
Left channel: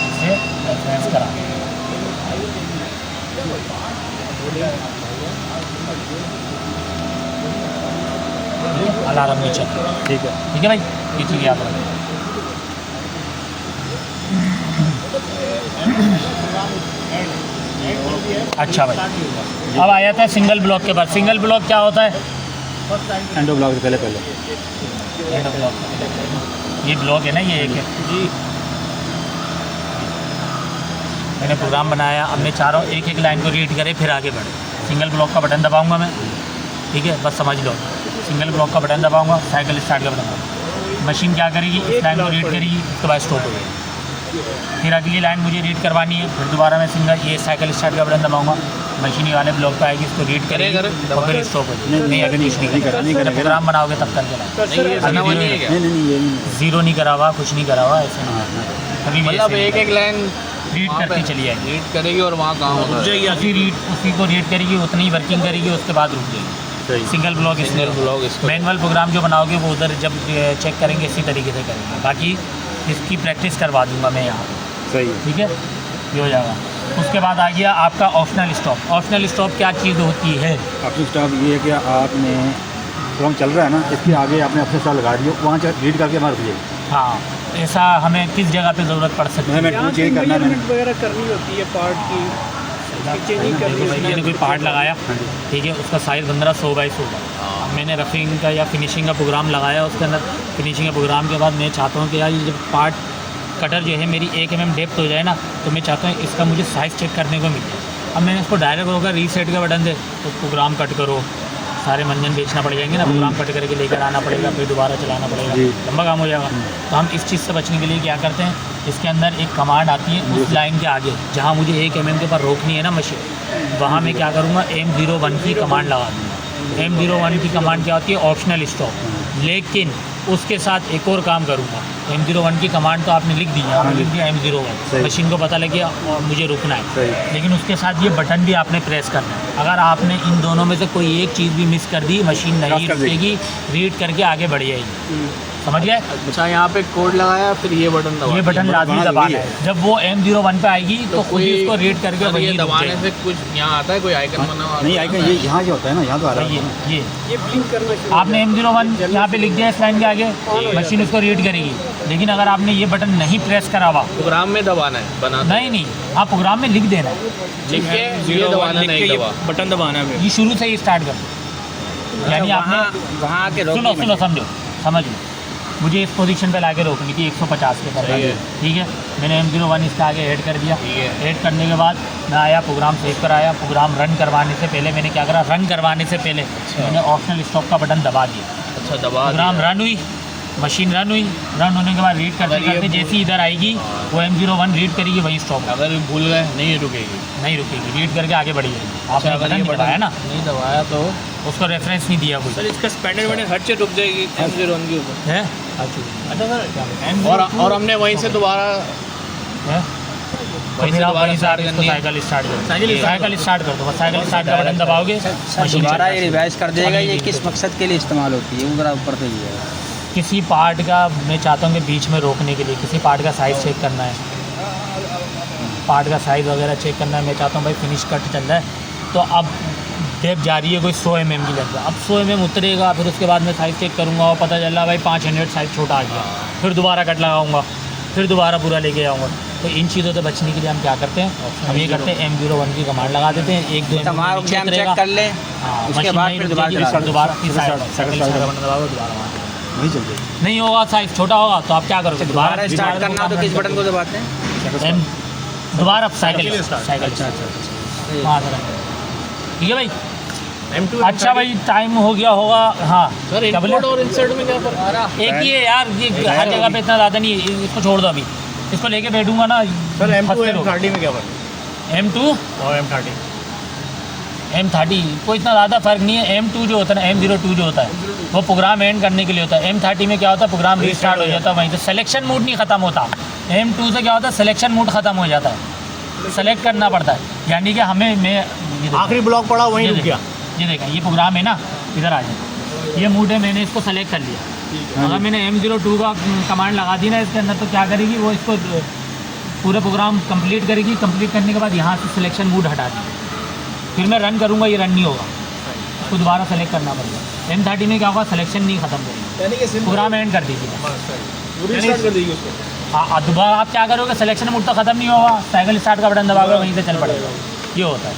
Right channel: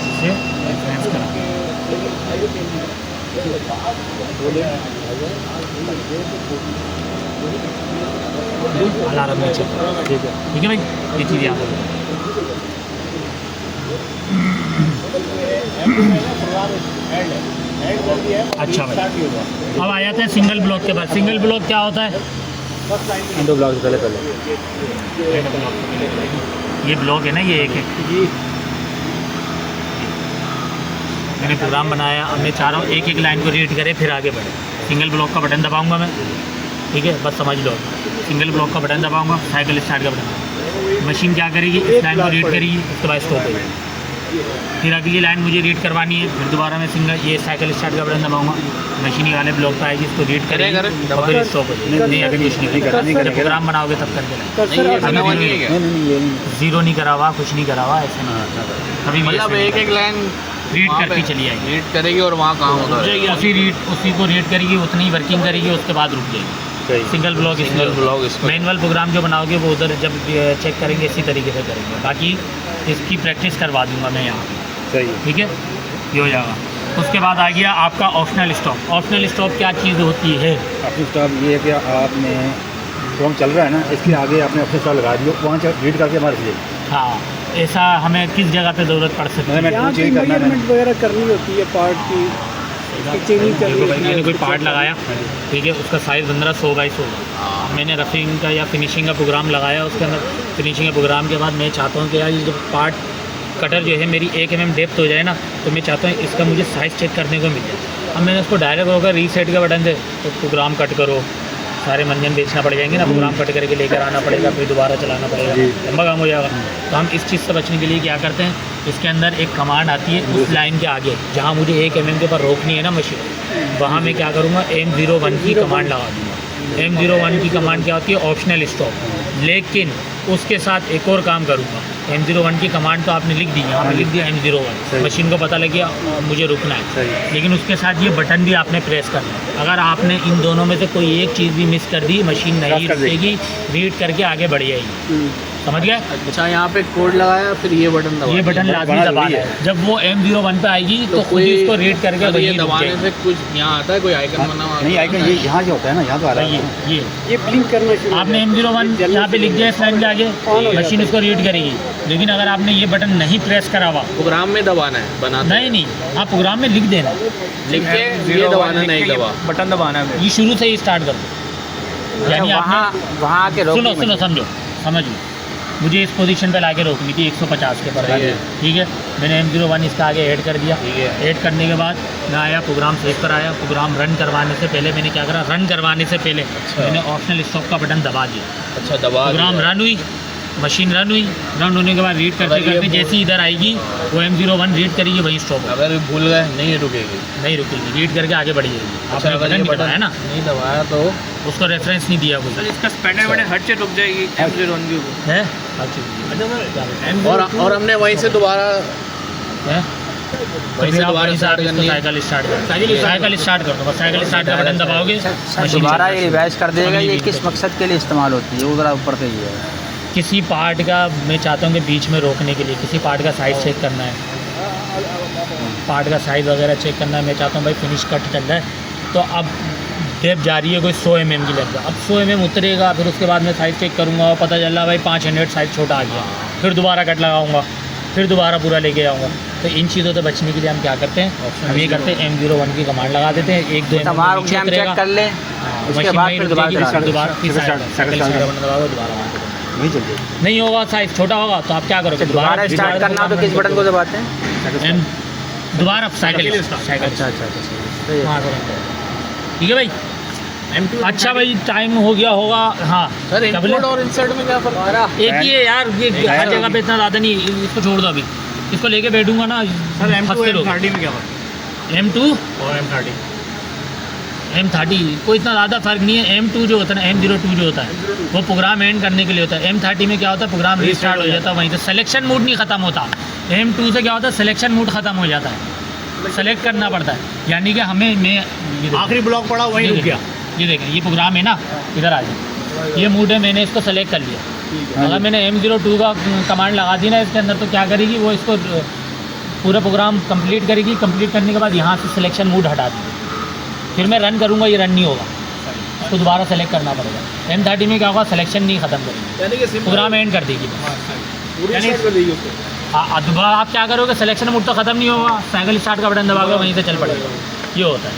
इसे रेफरेंस करा, अलार्म नीचे। ठीक है भाई, ये चीज़ याद रखो। अच्छा भाई, अब आ जाता है सिंगल ब्लॉक के बाद। सिंगल ब्लॉक क्या होता है, एंडो ब्लॉक पहले ये ब्लॉक है ना, ये एक है। मैंने प्रोग्राम बनाया, हमने चारों एक एक लाइन को रीड करे फिर आगे बढ़े। सिंगल ब्लॉक का बटन दबाऊंगा मैं, ठीक है, बस समझ लो, सिंगल ब्लॉक का बटन दबाऊंगा, साइकिल स्टार्ट कर दूँगा, मशीन क्या करेगी, इस लाइन को रीड करेगी, उसके बाद स्टॉप हो जाएगी, फिर अगली लाइन मुझे रीड करवानी है, फिर दोबारा मैं सिंगल ये साइकिल स्टार्ट का बटन दबाऊंगा, मशीन वाले ब्लॉक पे आएगी, इसको रीड करेगी, फिर स्टॉप हो जाएगी। नहीं अभी कुछ नहीं करा, प्रोग्राम बनाओगे तब कर देना, ज़ीरो नहीं करा हुआ, कुछ नहीं करा हुआ, ऐसा नहीं कभी मतलब एक एक लाइन रीड करती चली आएगी, रीड करेगी और वहाँ काम होगा, उसी को रीड करेगी, उतनी वर्किंग करेगी, उसके बाद रुक जाएगी। सिंगल ब्लॉक मैनुअल प्रोग्राम जो बनाओगे वो उधर जब चेक करेंगे इसी तरीके से करेंगे, बाकी इसकी प्रैक्टिस करवा दूंगा मैं यहाँ। सही है, ठीक है, ये हो जाएगा। उसके बाद आ गया आपका ऑप्शनल स्टॉप। ऑप्शनल स्टॉप क्या चीज़ होती है, अपनी स्टॉप ये है कि आपने सॉन्ग चल रहा है ना, इसके आगे आपने अपने साथ लगा दियो, वहाँ रीड करके मार दीजिए। हाँ, ऐसा हमें किस जगह पे ज़रूरत पड़ सकती है, चेंज करना है वगैरह करनी होती है पार्ट की, चेंजिंग करनी होती है। मैंने कोई पार्ट लगाया, ठीक है, उसका साइज़ 1500x100, मैंने रफिंग का या फिनिशिंग का प्रोग्राम लगाया, उसके अंदर फिनिशिंग के प्रोग्राम के बाद मैं चाहता हूँ कि यार ये जब पार्ट कटर जो है मेरी 1 mm डेप्थ हो जाए ना, तो मैं चाहता हूँ इसका मुझे साइज़ चेक करने को मिले। अब मैंने उसको डायरेक्ट होकर रीसेट का बटन दे तो प्रोग्राम कट करो, सारे मंजन बेचना पड़ जाएंगे ना, प्रोग्राम कट करके लेकर आना पड़ेगा, फिर दोबारा चलाना पड़ेगा, लंबा काम हो जाएगा। तो हम इस चीज़ से बचने के लिए क्या करते हैं, इसके अंदर एक कमांड आती है, उस लाइन के आगे जहाँ मुझे 1 mm के ऊपर रोकनी है ना मशीन, वहाँ मैं क्या करूँगा, M01 की कमांड लगा दूँगा। M01 की कमांड क्या होती है, ऑप्शनल स्टॉप, लेकिन उसके साथ एक और काम करूँगा। M01 की कमांड तो आपने लिख दी, आपने लिख दिया M01, मशीन को पता लग गया मुझे रुकना है, लेकिन उसके साथ ये बटन भी आपने प्रेस करना है। अगर आपने इन दोनों में से कोई एक चीज़ भी मिस कर दी, मशीन नहीं रुकेगी, रीड करके आगे बढ़ जाएगी। समझ गए? अच्छा, यहाँ पे कोड लगाया, फिर ये बटन दबाया। ये बटन लाजमी दबाना है। जब वो M01 पे आएगी तो खुद ही इसको रीड करके अगर वही ये रुक दबाने जाएगी। से कुछ यहाँ आता है, कोई आइकन बना हुआ? नहीं आइकन ये यहाँ जो होता है ना, यहाँ तो आ रहा है। ये ब्लिंक करना शुरू आपने M01 यहाँ पे लिख दिया इस लाइन के आगे, मशीन इसको रीड करेगी। लेकिन अगर आपने ये बटन नहीं प्रेस करा हुआ, प्रोग्राम में दबाना है, बनाते नहीं आप प्रोग्राम में लिख देना, लिख के ये दबाना, नहीं दबा। बटन दबाना है। ये शुरू से ही स्टार्ट कर दो। अच्छा, यानी आपने वहाँ आके रोक सुनो सुनो समझो, समझ लो, मुझे इस पोजीशन पे लाके रोकनी थी 150 के पर। सही है। ठीक है, मैंने M01 इसका आगे ऐड कर दिया। ठीक है। ऐड करने के बाद मैं आया, प्रोग्राम सेव कर आया। प्रोग्राम रन करवाने से पहले मैंने क्या करा, रन करवाने से पहले मैंने ऑप्शनल स्टॉप का बटन दबा दिया। अच्छा, दबा प्रोग्राम दिया। रन हुई, मशीन रन हुई। रन होने के बाद रीड करते अगर ये करते जैसे ही इधर आएगी वो M01 रीड करेगी, वही स्टॉप, अगर भूल गए नहीं रुकेगी। नहीं रुकेगी, रीड करके आगे बढ़ जाएगी। अच्छा, आपने अगर बटन ये नहीं दबाया बटन ना, नहीं दबाया तो उसको रेफरेंस नहीं दिया कोई इसका स्पैनर बटन हट से रुक जाएगी M01 के ऊपर। है। और हमने वहीं से दोबारा वहीं से दोबारा स्टार्ट करनी है। साइकिल स्टार्ट कर, साइकिल स्टार्ट कर दो, बस साइकिल स्टार्ट का बटन दबाओगे, मशीन दोबारा ये चलेगी। रिवाइज कर देगा। ये चलेगी। किस मकसद के लिए इस्तेमाल होती है वो ज़रा ऊपर से ये है। किसी पार्ट का मैं चाहता हूँ कि बीच में रोकने के लिए किसी पार्ट का साइज़ चेक करना है, पार्ट का साइज़ वगैरह चेक करना है। मैं चाहता हूँ भाई फिनिश कट चल रहा है, तो अब डेप जा रही है कोई 100 mm की लेकर, अब 100 mm उतरेगा, फिर उसके बाद मैं साइज़ चेक करूँगा और पता चला भाई 5 यूनिट साइज़ छोटा आ गया, फिर दोबारा कट लगाऊंगा, फिर दोबारा पूरा लेके आऊँगा। तो इन चीज़ों से बचने के लिए हम क्या करते हैं, हम ये करते हैं M01 की कमांड लगा देते हैं, 1 2 तमाम रुक जाए, हम चेक कर ले, उसके बाद फिर दोबारा चला दें। नहीं चल जाएगी। नहीं होगा, साइज़ छोटा होगा तो आप क्या करोगे, दोबारा स्टार्ट करना हो तो किस बटन को दबाते हैं? दोबारा साइकिल साइकिल। अच्छा अच्छा अच्छा। हाँ, ठीक है भाई। अच्छा भाई, टाइम हो गया होगा। हाँ सर, क्या बोले? इनपुट और इंसर्ट में क्या फर्क? एक ही है यार, ये हर जगह पे इतना ज़्यादा नहीं है, इसको छोड़ दो अभी, इसको लेके बैठूंगा ना सर, हंसते रहो। M2 में क्या फर्क? M2 और M30 M30 कोई इतना ज़्यादा फर्क नहीं है। M2 जो होता है ना, M02 जो होता है वो प्रोग्राम एंड करने के लिए होता है। M30 में क्या होता है, प्रोग्राम रीस्टार्ट हो जाता है, वहीं से सिलेक्शन मोड नहीं ख़त्म होता। M2 से क्या होता है, सिलेक्शन मोड ख़त्म हो जाता है, सेलेक्ट करना पड़ता है। यानी कि हमें मैं आखिरी ब्लॉक पड़ा वहीं रुक गया। ये देखा, ये प्रोग्राम है ना, इधर आ जाए, ये मोड है, मैंने इसको सेलेक्ट कर लिया। अगर मैंने M02 का कमांड लगा दी ना इसके अंदर, तो क्या करेगी वो, इसको पूरा प्रोग्राम कंप्लीट करेगी। कंप्लीट करने के बाद यहाँ से सिलेक्शन मोड हटा दी, फिर मैं रन करूँगा, ये रन नहीं होगा, उसको दोबारा सेलेक्ट करना पड़ेगा। M30 में क्या होगा, सिलेक्शन नहीं ख़त्म करेगी, यानी कि प्रोग्राम एंड कर देगी। पूरी स्टार्ट कर देगी उसको। हाँ, दोबारा आप क्या करोगे, सिलेक्शन मोड तो ख़त्म नहीं होगा, साइकिल स्टार्ट का बटन दबाओगे, वहीं से चल पड़ेगा, ये होता है।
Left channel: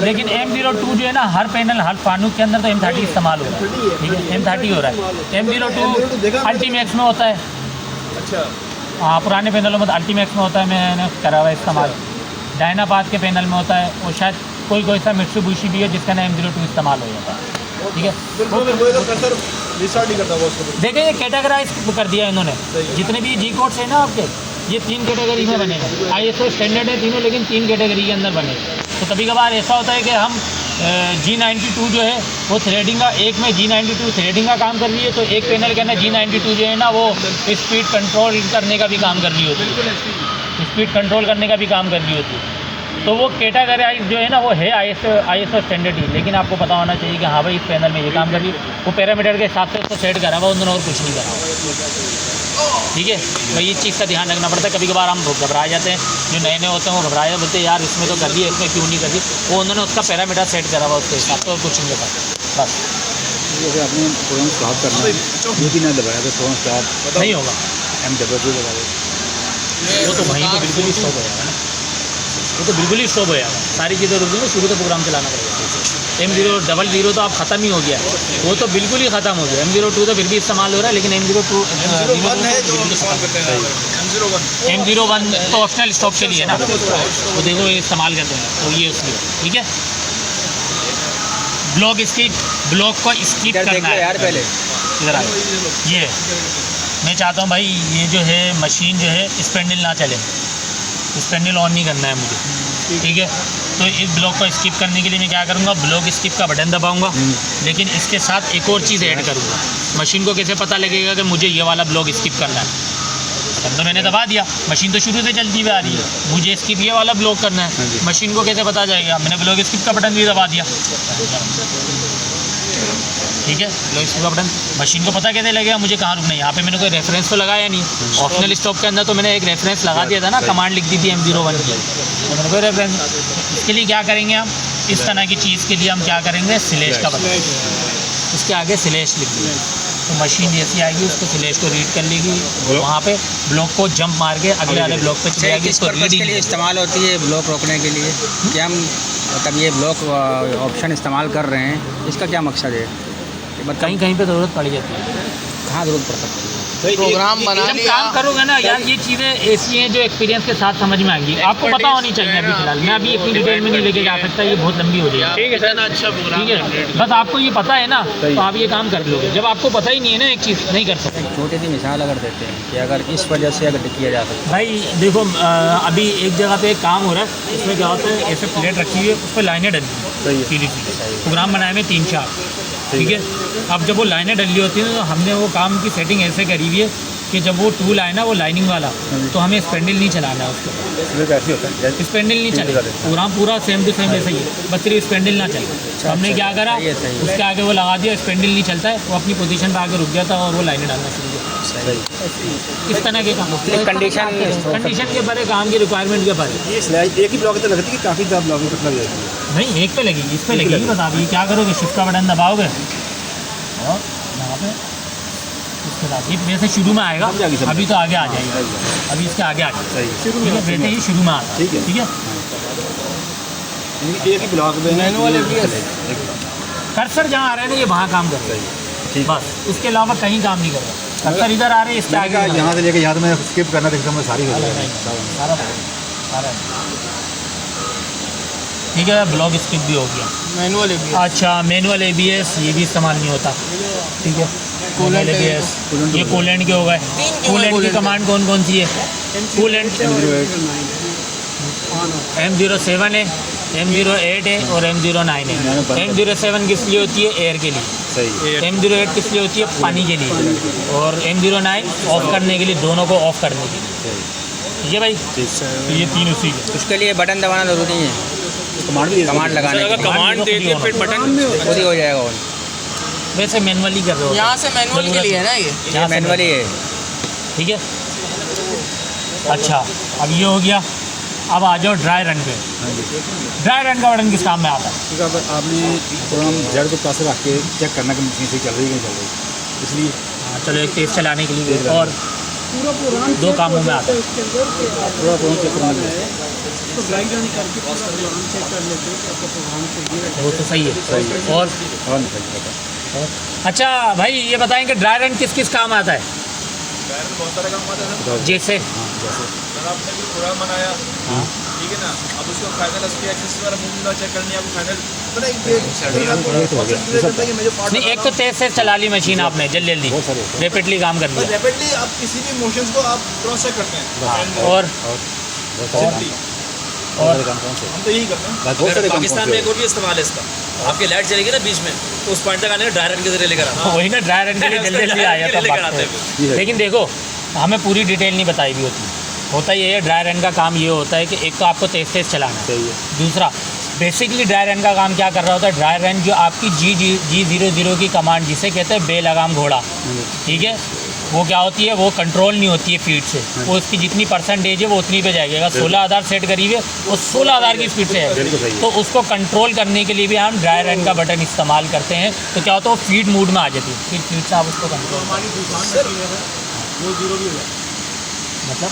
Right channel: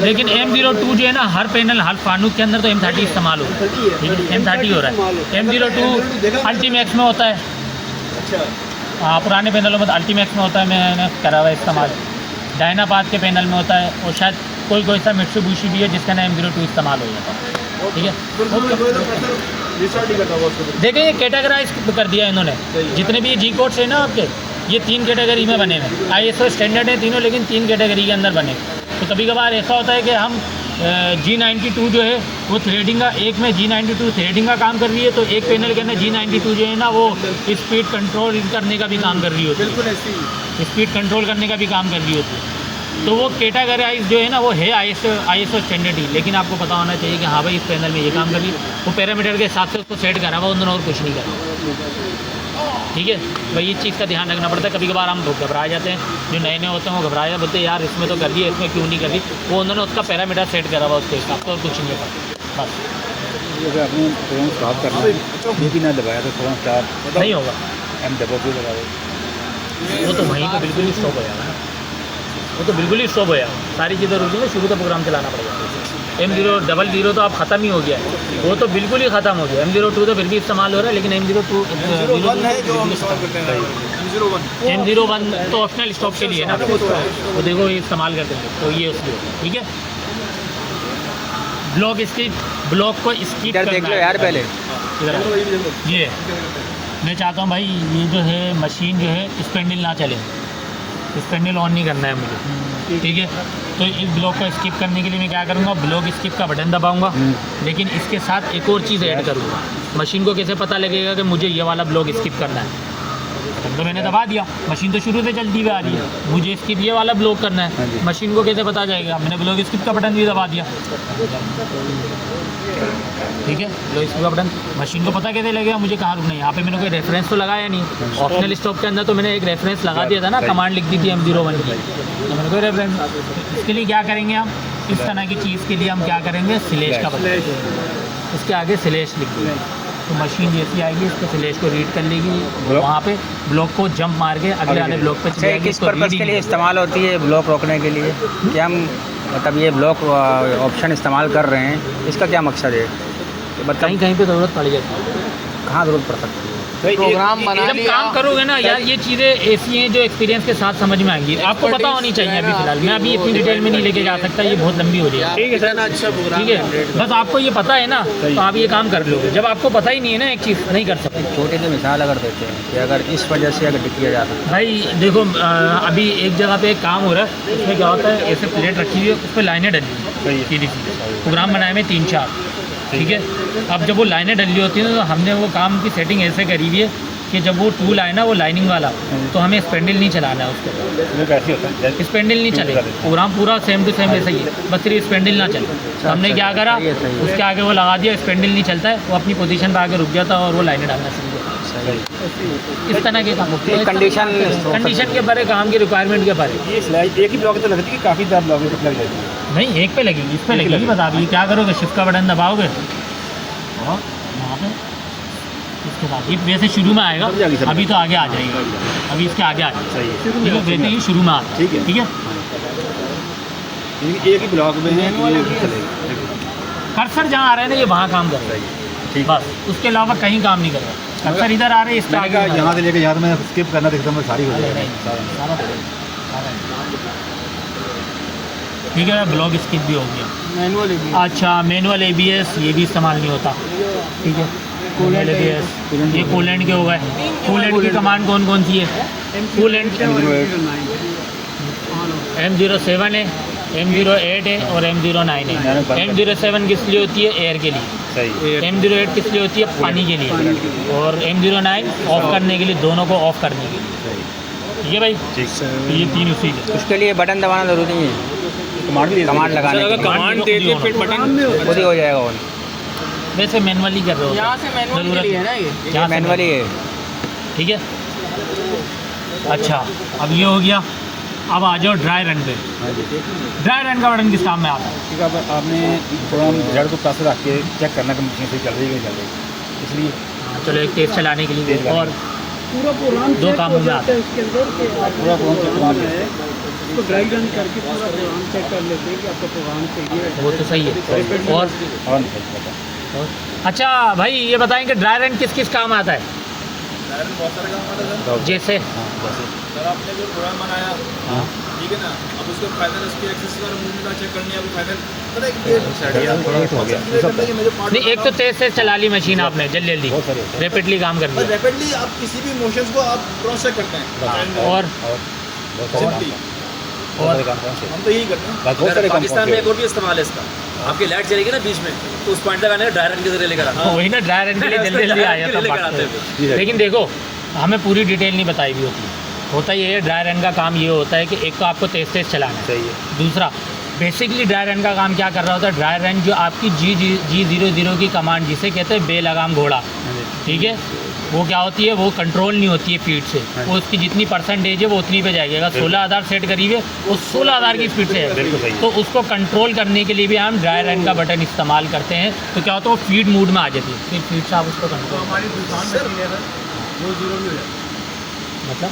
लेकिन M02 जो है ना, हर पैनल हर फानूक के अंदर तो M30 इस्तेमाल होता है, लेकिन M30 हो रहा है। M02 अल्टीमैक्स में होता है। अच्छा, हाँ, पुराने पैनलों में तो अल्टीमैक्स में होता है, मैंने करा हुआ है इस्तेमाल। डायनापाथ के पैनल में होता है, और शायद कोई सा मिट्सुबिशी भी है जिसका ना M02 इस्तेमाल हो जाता है। ठीक है, रिस्टार्ट नहीं करता वो उसको। देखिए ये कैटेगराइज कर दिया इन्होंने, जितने भी जी कोड्स है ना आपके, ये 3 कैटेगरी में बने हैं। ISO स्टैंडर्ड है तीनों, लेकिन 3 कैटेगरी के अंदर बने। तो कभी कभार ऐसा होता है कि हम G92 जो है वो थ्रेडिंग का, एक में G92 थ्रेडिंग का काम कर रही है, तो एक पैनल के अंदर G92 जो है ना वो स्पीड कंट्रोल करने का भी काम कर रही होती है, स्पीड कंट्रोल करने का भी काम कर रही होती है। तो वो कैटेगराइज जो है ना वो है ISO स्टैंडर्ड ही, लेकिन आपको पता होना चाहिए कि हाँ भाई इस पैनल में ये काम कर रही है, वो पैरामीटर के हिसाब से उसको सेट करा हुआ, उन्होंने और कुछ नहीं करा। ठीक है, तो ये चीज़ का ध्यान रखना पड़ता है। कभी कभार हम घबरा जाते हैं, जो नए नए होते हैं वो घबराए, बोलते हैं यार इसमें तो कर दिया, इसमें क्यों नहीं कर दी। वो उन्होंने उसका पैरामीटर सेट करा हुआ उसके हिसाब से, और कुछ नहीं करता बस। जैसे आपने फ़ोन स्टार्ट करना है, ये भी ना दबाया तो फ़ोन स्टार्ट नहीं होगा, M00 दबा दो। वो तो वहीं पर बिल्कुल ही स्टॉप हो जाएगा, वो तो बिल्कुल ही स्टॉप हो जाएगा, सारी चीज़ें रुक गई, शुरू तो प्रोग्राम चलाना पड़ेगा। M000 तो आप ख़त्म ही हो गया, वो तो बिल्कुल ही ख़त्म हो गया। M02 तो फिर भी इस्तेमाल हो रहा है, लेकिन M01 तो ऑप्शनल स्टॉप के लिए है ना, तो देखो ये इस्तेमाल कर देंगे, तो ये उसके लिए ठीक है। ब्लॉक को स्किप इधर देख करना लो है। यार पहले। इधर आ, ये मैं चाहता हूँ भाई, ये जो है मशीन जो है स्पेंडल ना चले, स्पेंडल ऑन नहीं करना है मुझे, ठीक है। तो इस ब्लॉक को स्किप करने के लिए मैं क्या करूँगा, ब्लॉक स्किप का बटन दबाऊंगा, लेकिन इसके साथ एक और चीज़ ऐड करूँगा। मशीन को कैसे पता लगेगा कि मुझे ये वाला ब्लॉक स्किप करना है, तो मैंने दबा दिया, मशीन तो शुरू से चलती हुई आ रही है, मुझे स्किप ये वाला ब्लॉक करना है, मशीन को कैसे पता जाएगा, मैंने ब्लॉक स्किप का बटन भी दबा दिया। ठीक है, लो स्पीड का बटन। मशीन को पता कैसे लगेगा मुझे कहाँ रुकना है? यहाँ पे मैंने कोई रेफरेंस तो लगाया नहीं। ऑप्शनल स्टॉप के अंदर तो मैंने एक रेफरेंस लगा दिया था ना, कमांड लिख दी थी M01 की, तो मैंने कोई रेफरेंस। इसके लिए क्या करेंगे हम, इस तरह की चीज़ के लिए हम क्या करेंगे, स्लैश का बटन, इसके आगे स्लैश लिख देंगे, तो मशीन जैसी आएगी उसको स्लैश को रीड कर लेगी, वहाँ पे ब्लॉक को जंप मार के अगले वाले ब्लॉक पे अच्छा, किस पर्पज़ के लिए इस्तेमाल होती है ब्लॉक रोकने के लिए? कि हम मतलब ये ब्लॉक ऑप्शन इस्तेमाल कर रहे हैं, इसका क्या मकसद है? कि मतलब कहीं कहीं पे ज़रूरत पड़ जाती है, कहाँ ज़रूरत पड़ सकती है? प्रोग्राम बना जब लिया काम करोगे ना यार, ये चीज़ें ऐसी हैं जो एक्सपीरियंस के साथ समझ में आएंगी, आपको पता होनी चाहिए। अभी फिलहाल मैं अभी इतनी डिटेल में नहीं लेके जा सकता, ये बहुत लंबी हो जाएगी। ठीक है सर, अच्छा प्रोग्राम ठीक है, बस आपको ये पता है ना, तो आप ये काम कर लोगे। जब आपको पता ही नहीं है ना एक चीज़, नहीं कर सकते। एक छोटी सी मिसाल अगर देते हैं कि अगर इस वजह से अगर किया जा सकता भाई देखो, अभी एक जगह पे एक काम हो रहा है, उसमें क्या होता है, ऐसे प्लेट रखी हुई है, उस पर लाइनें डली हुई हैं सीधी सीधी, प्रोग्राम बनाए में 3-4, ठीक है। अब जब वो लाइनें डली होती हैं तो हमने वो काम की सेटिंग ऐसे करी हुई है कि जब वो टूल आए ना, वो लाइनिंग वाला, तो हमें स्पेंडल नहीं चलाना है उसको, स्पेंडल नहीं चलेगा, प्रोग्राम पूरा सेम टू सेम ऐसा ही है, बस सिर्फ स्पेंडल ना चले। तो हमने क्या करा, उसके आगे वो लगा दिया, स्पेंडल नहीं चलता है, वो अपनी पोजीशन पर आगे रुक जाता और वो लाइनें डालना शुरू किया। इस तरह के काम कंडीशन के बारे, काम की रिक्वायरमेंट के बारे। एक ही ब्लॉक तो लगती है कि काफ़ी ज़्यादा ब्लॉक लग जाती है? भाई एक पे लगी, इस पे लगी, बता दी क्या करोगे, शिफ्ट का बटन दबाओगे और यहाँ पे इसके बाद ये वैसे शुरू में आएगा, अभी तो आगे आ जाएगा, अभी इसके आगे आ जाएगा, ठीक है। वैसे ये शुरू में आता है, ठीक है। एक ही ब्लॉक में कर्सर जहाँ आ रहा है ना, ये वहाँ काम कर रहा है, बस उसके अलावा कहीं काम नहीं कर रहा। कर्सर इधर आ रहे हैं, इसके आगे यहाँ से लेकर यहाँ मैं स्किप करना देखता हूँ, सारी हो जाएगी। ठीक है, ब्लॉक स्किप भी हो गया। मैनुअल भी अच्छा, मैनुअल ABS ये भी इस्तेमाल नहीं होता, ठीक है। कूलेंट ABS, ये कूलेंट के हो गए। कूलेंट की कमांड कौन कौन सी है? कूलेंट M07 है, M08 है और M09 है। M07 किस लिए होती है? एयर के लिए। M08 किस लिए होती है? पानी के लिए। और M09 ऑफ करने के लिए, दोनों को ऑफ करने के लिए, ठीक है भाई। ये 3 उसी के। उसके लिए बटन दबाना ज़रूरी नहीं है, कमांड लगाने के लिए कमांड दे दिए फिर बटन खुद ही हो जाएगा ऑन। वैसे मैनुअली कर रहे हो, यहाँ से मैनुअल के लिए है ना ये मैनुअली है, ठीक है। अच्छा, अब ये हो गया, अब आ जाओ ड्राई रन पे। ड्राई रन का बटन किस काम में आता है? ठीक है, आपने प्रोग्राम जेड को पास रख के चेक करना कि मशीन सही चल रही है, चल रही, इसलिए चलो एक टेस्ट चलाने के लिए और पूरा प्रोग्राम दो कामों में आता है इसके अंदर कि पूरा प्रोग्राम चेक करना है। उसको ड्राई रन करके पूरा प्रोग्राम चेक कर लेते हैं कि आपका प्रोग्राम सही है। वो तो सही है। और अच्छा भाई ये बताएं कि ड्राई रन किस किस काम आता है? जैसे प्रोग्राम बनाया, ठीक है ना, अब उसको फाइनल उसकी एक्सेस वगैरह मूवमेंट चेक करनी है, अब फाइनल पता है नहीं, एक तो तेज से चला ली मशीन आपने, जल्दी जल्दी रैपिडली काम कर लिया, रैपिडली आप किसी भी मोशंस को आप क्रॉस चेक करते हैं, और हम तो यही करते हैं। बहुत सारे पाकिस्तान में एक और भी इस्तेमाल है इसका, आपकी लाइट चलेगी ना बीच में, तो उस पॉइंट तक आने में ड्राई रन के जरिए लेकर आना। वही ना, ड्राई रन के लिए जल्दी जल्दी आ जाता है। लेकिन देखो, हमें पूरी डिटेल नहीं बताई भी होता ये है, ड्राई रन का काम ये होता है कि एक तो आपको तेज तेज चलाना है, दूसरा बेसिकली ड्राई रन का काम क्या कर रहा होता है? ड्राई रन जो आपकी G00 की कमांड, जिसे कहते हैं बेल लगाम घोड़ा, ठीक है, वो क्या होती है, वो कंट्रोल नहीं होती है फीड से, वो उसकी जितनी परसेंटेज है वो उतनी पे जाएगी। अगर 16,000 सेट करी हुई है, वो 16,000 की स्पीड से है, तो उसको कंट्रोल करने के लिए भी हम ड्राई रन का बटन इस्तेमाल करते हैं। तो क्या होता है, वो फीड मूड में आ जाती है, फिर फीड से आप उसको कंट्रोल, हमारी दुकान मशीन है वो जीरो भी हो जाए, मतलब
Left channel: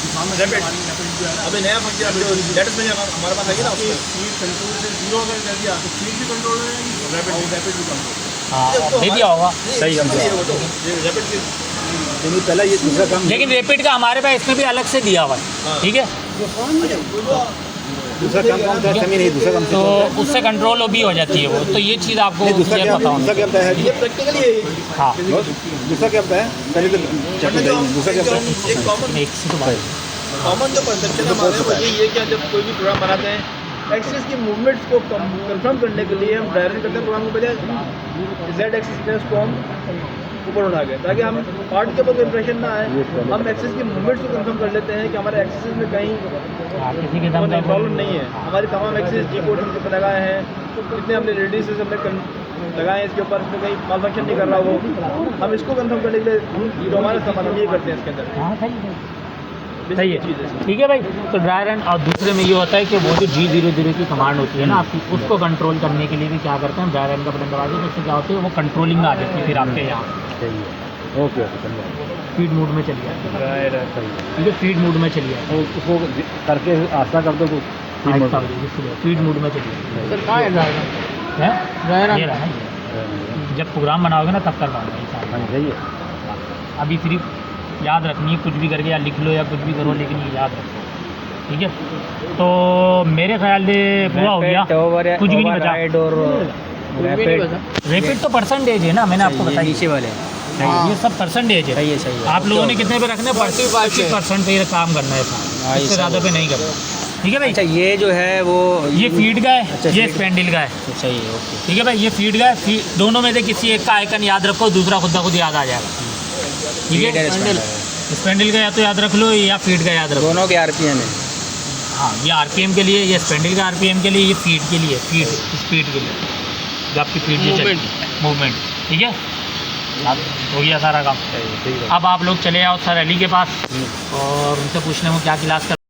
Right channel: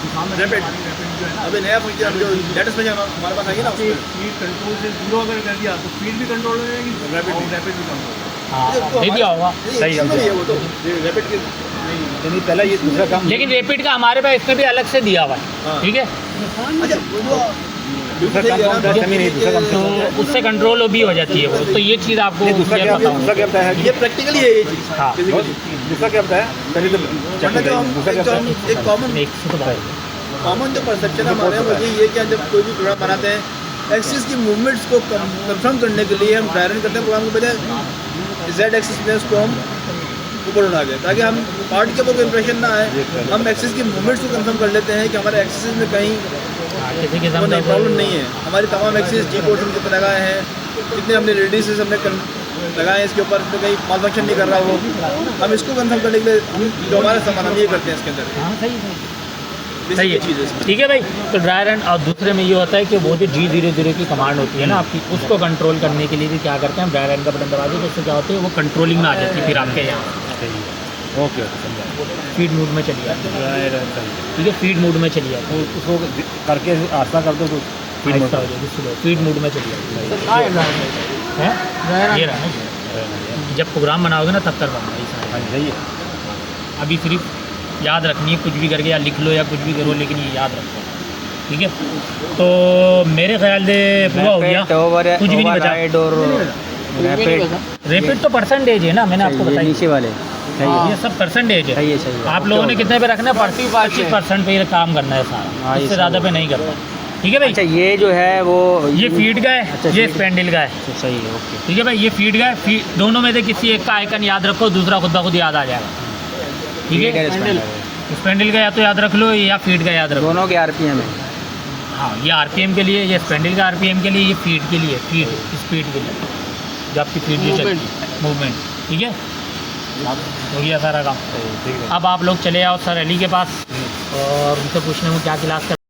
दुकान में अभी नया लेटेस्ट में हमारे पास आएगी ना, स्पीड कंट्रोल से जीरो अगर कर दिया तो स्पीड भी कंट्रोल हो जाएगी, रैपिड भी कंट्रोल। हाँ, दे दिया होगा सही है, वो तो रैपिड के नहीं, पहला ये दूसरा काम, लेकिन रैपिड का हमारे पास इसमें भी अलग से दिया हुआ है, ठीक है। दूसरा काम नहीं, दूसरा काम तो उससे कंट्रोल भी हो जाती है वो, तो ये चीज़ आपको दूसरा क्या होता है, ये प्रैक्टिकली है। हाँ, दूसरा क्या होता है, पहले तो चेक हो जाएगी, दूसरा क्या होता है, एक कॉमन जो परसेप्शन हमारे वो यही है कि जब कोई भी प्रोग्राम बनाते हैं, एक्सिस की मूवमेंट्स को कंफर्म करने के लिए हम ड्राई रन करते हैं प्रोग्राम को, पहले जेड एक्सिस में उसको हम ऊपर उठा गए ताकि हम पार्ट के ऊपर इंप्रेशन ना आए, हम एक्सिस की मूवमेंट्स को कंफर्म कर लेते हैं कि हमारे एक्सिस में कहीं प्रॉब्लम नहीं है। हमारी तमाम एक्सिस जी पोर्शन जितने लगाए हैं, जितने हमने रेडियसेस हमने लगाएं इसके ऊपर तो कहीं माल फंक्शन नहीं कर रहा वो, हम इसको कंफर्म करने के लिए जो हमारे सामान हम ये करते हैं इसके अंदर। हाँ सही है Basic सही ये चीज़ है है इसमें। ठीक है भाई। तो ड्राई रन और दूसरे में ये होता है कि वो जो G00 की कमांड होती है ना आपकी, उसको कंट्रोल करने के लिए भी क्या करते हैं, ड्राई रन का बटन दबा दें, जिससे क्या होती है वो कंट्रोलिंग में आ जाती है फिर आपके यहाँ ओके ओके समझा। फीड मोड में चली जाती है। ठीक है, फीड मोड में चली जाती है, तो उसको करके आस्था कर दो कुछ फीड मोड आहिस्ता हो जाएगी सुबह, फीड मोड में चली जाती है। हैं? ये रहा ना, जब प्रोग्राम बनाओगे ना तब करना होगा ये सारा। सही है। अभी सिर्फ याद रखनी है, कुछ भी करके या लिख लो या कुछ भी करो, लेकिन ये याद रखो ठीक है। तो मेरे ख्याल से पूरा हो गया, कुछ भी नहीं बचा। ओवरराइड और रैपिड, रैपिड तो परसेंटेज है ना, मैंने आपको ये बताया, नीचे वाले ये सब परसेंटेज है। सही है, सही है। आप लोगों ने कितने पे रखना है, 25% पे ही काम करना है सारा, हाँ, ये इससे ज़्यादा पे नहीं करना। ठीक है भाई, अच्छा ये जो है वो ये फीड का है, अच्छा, ये feed- स्पेंडल का है। तो सही है, ओके। ठीक है भाई, ये फीड का है, दोनों में से किसी एक का आइकन याद रखो, दूसरा खुद ब खुद याद आ जाएगा। ठीक Feed है, और spindle है। स्पेंडल का या तो याद रख लो या फीड का याद रखो। दोनों के आरपीएम है। हाँ, ये आरपीएम के लिए, ये स्पेंडल का आरपीएम के लिए, ये फीड के लिए, फीड स्पीड के लिए, जब आपकी फीड जो चलती है मूवमेंट। ठीक है, अब हो गया सारा काम। ठीक है। अब आप लोग चले आओ सर अली के पास और उनसे पूछने में क्या क्लास कर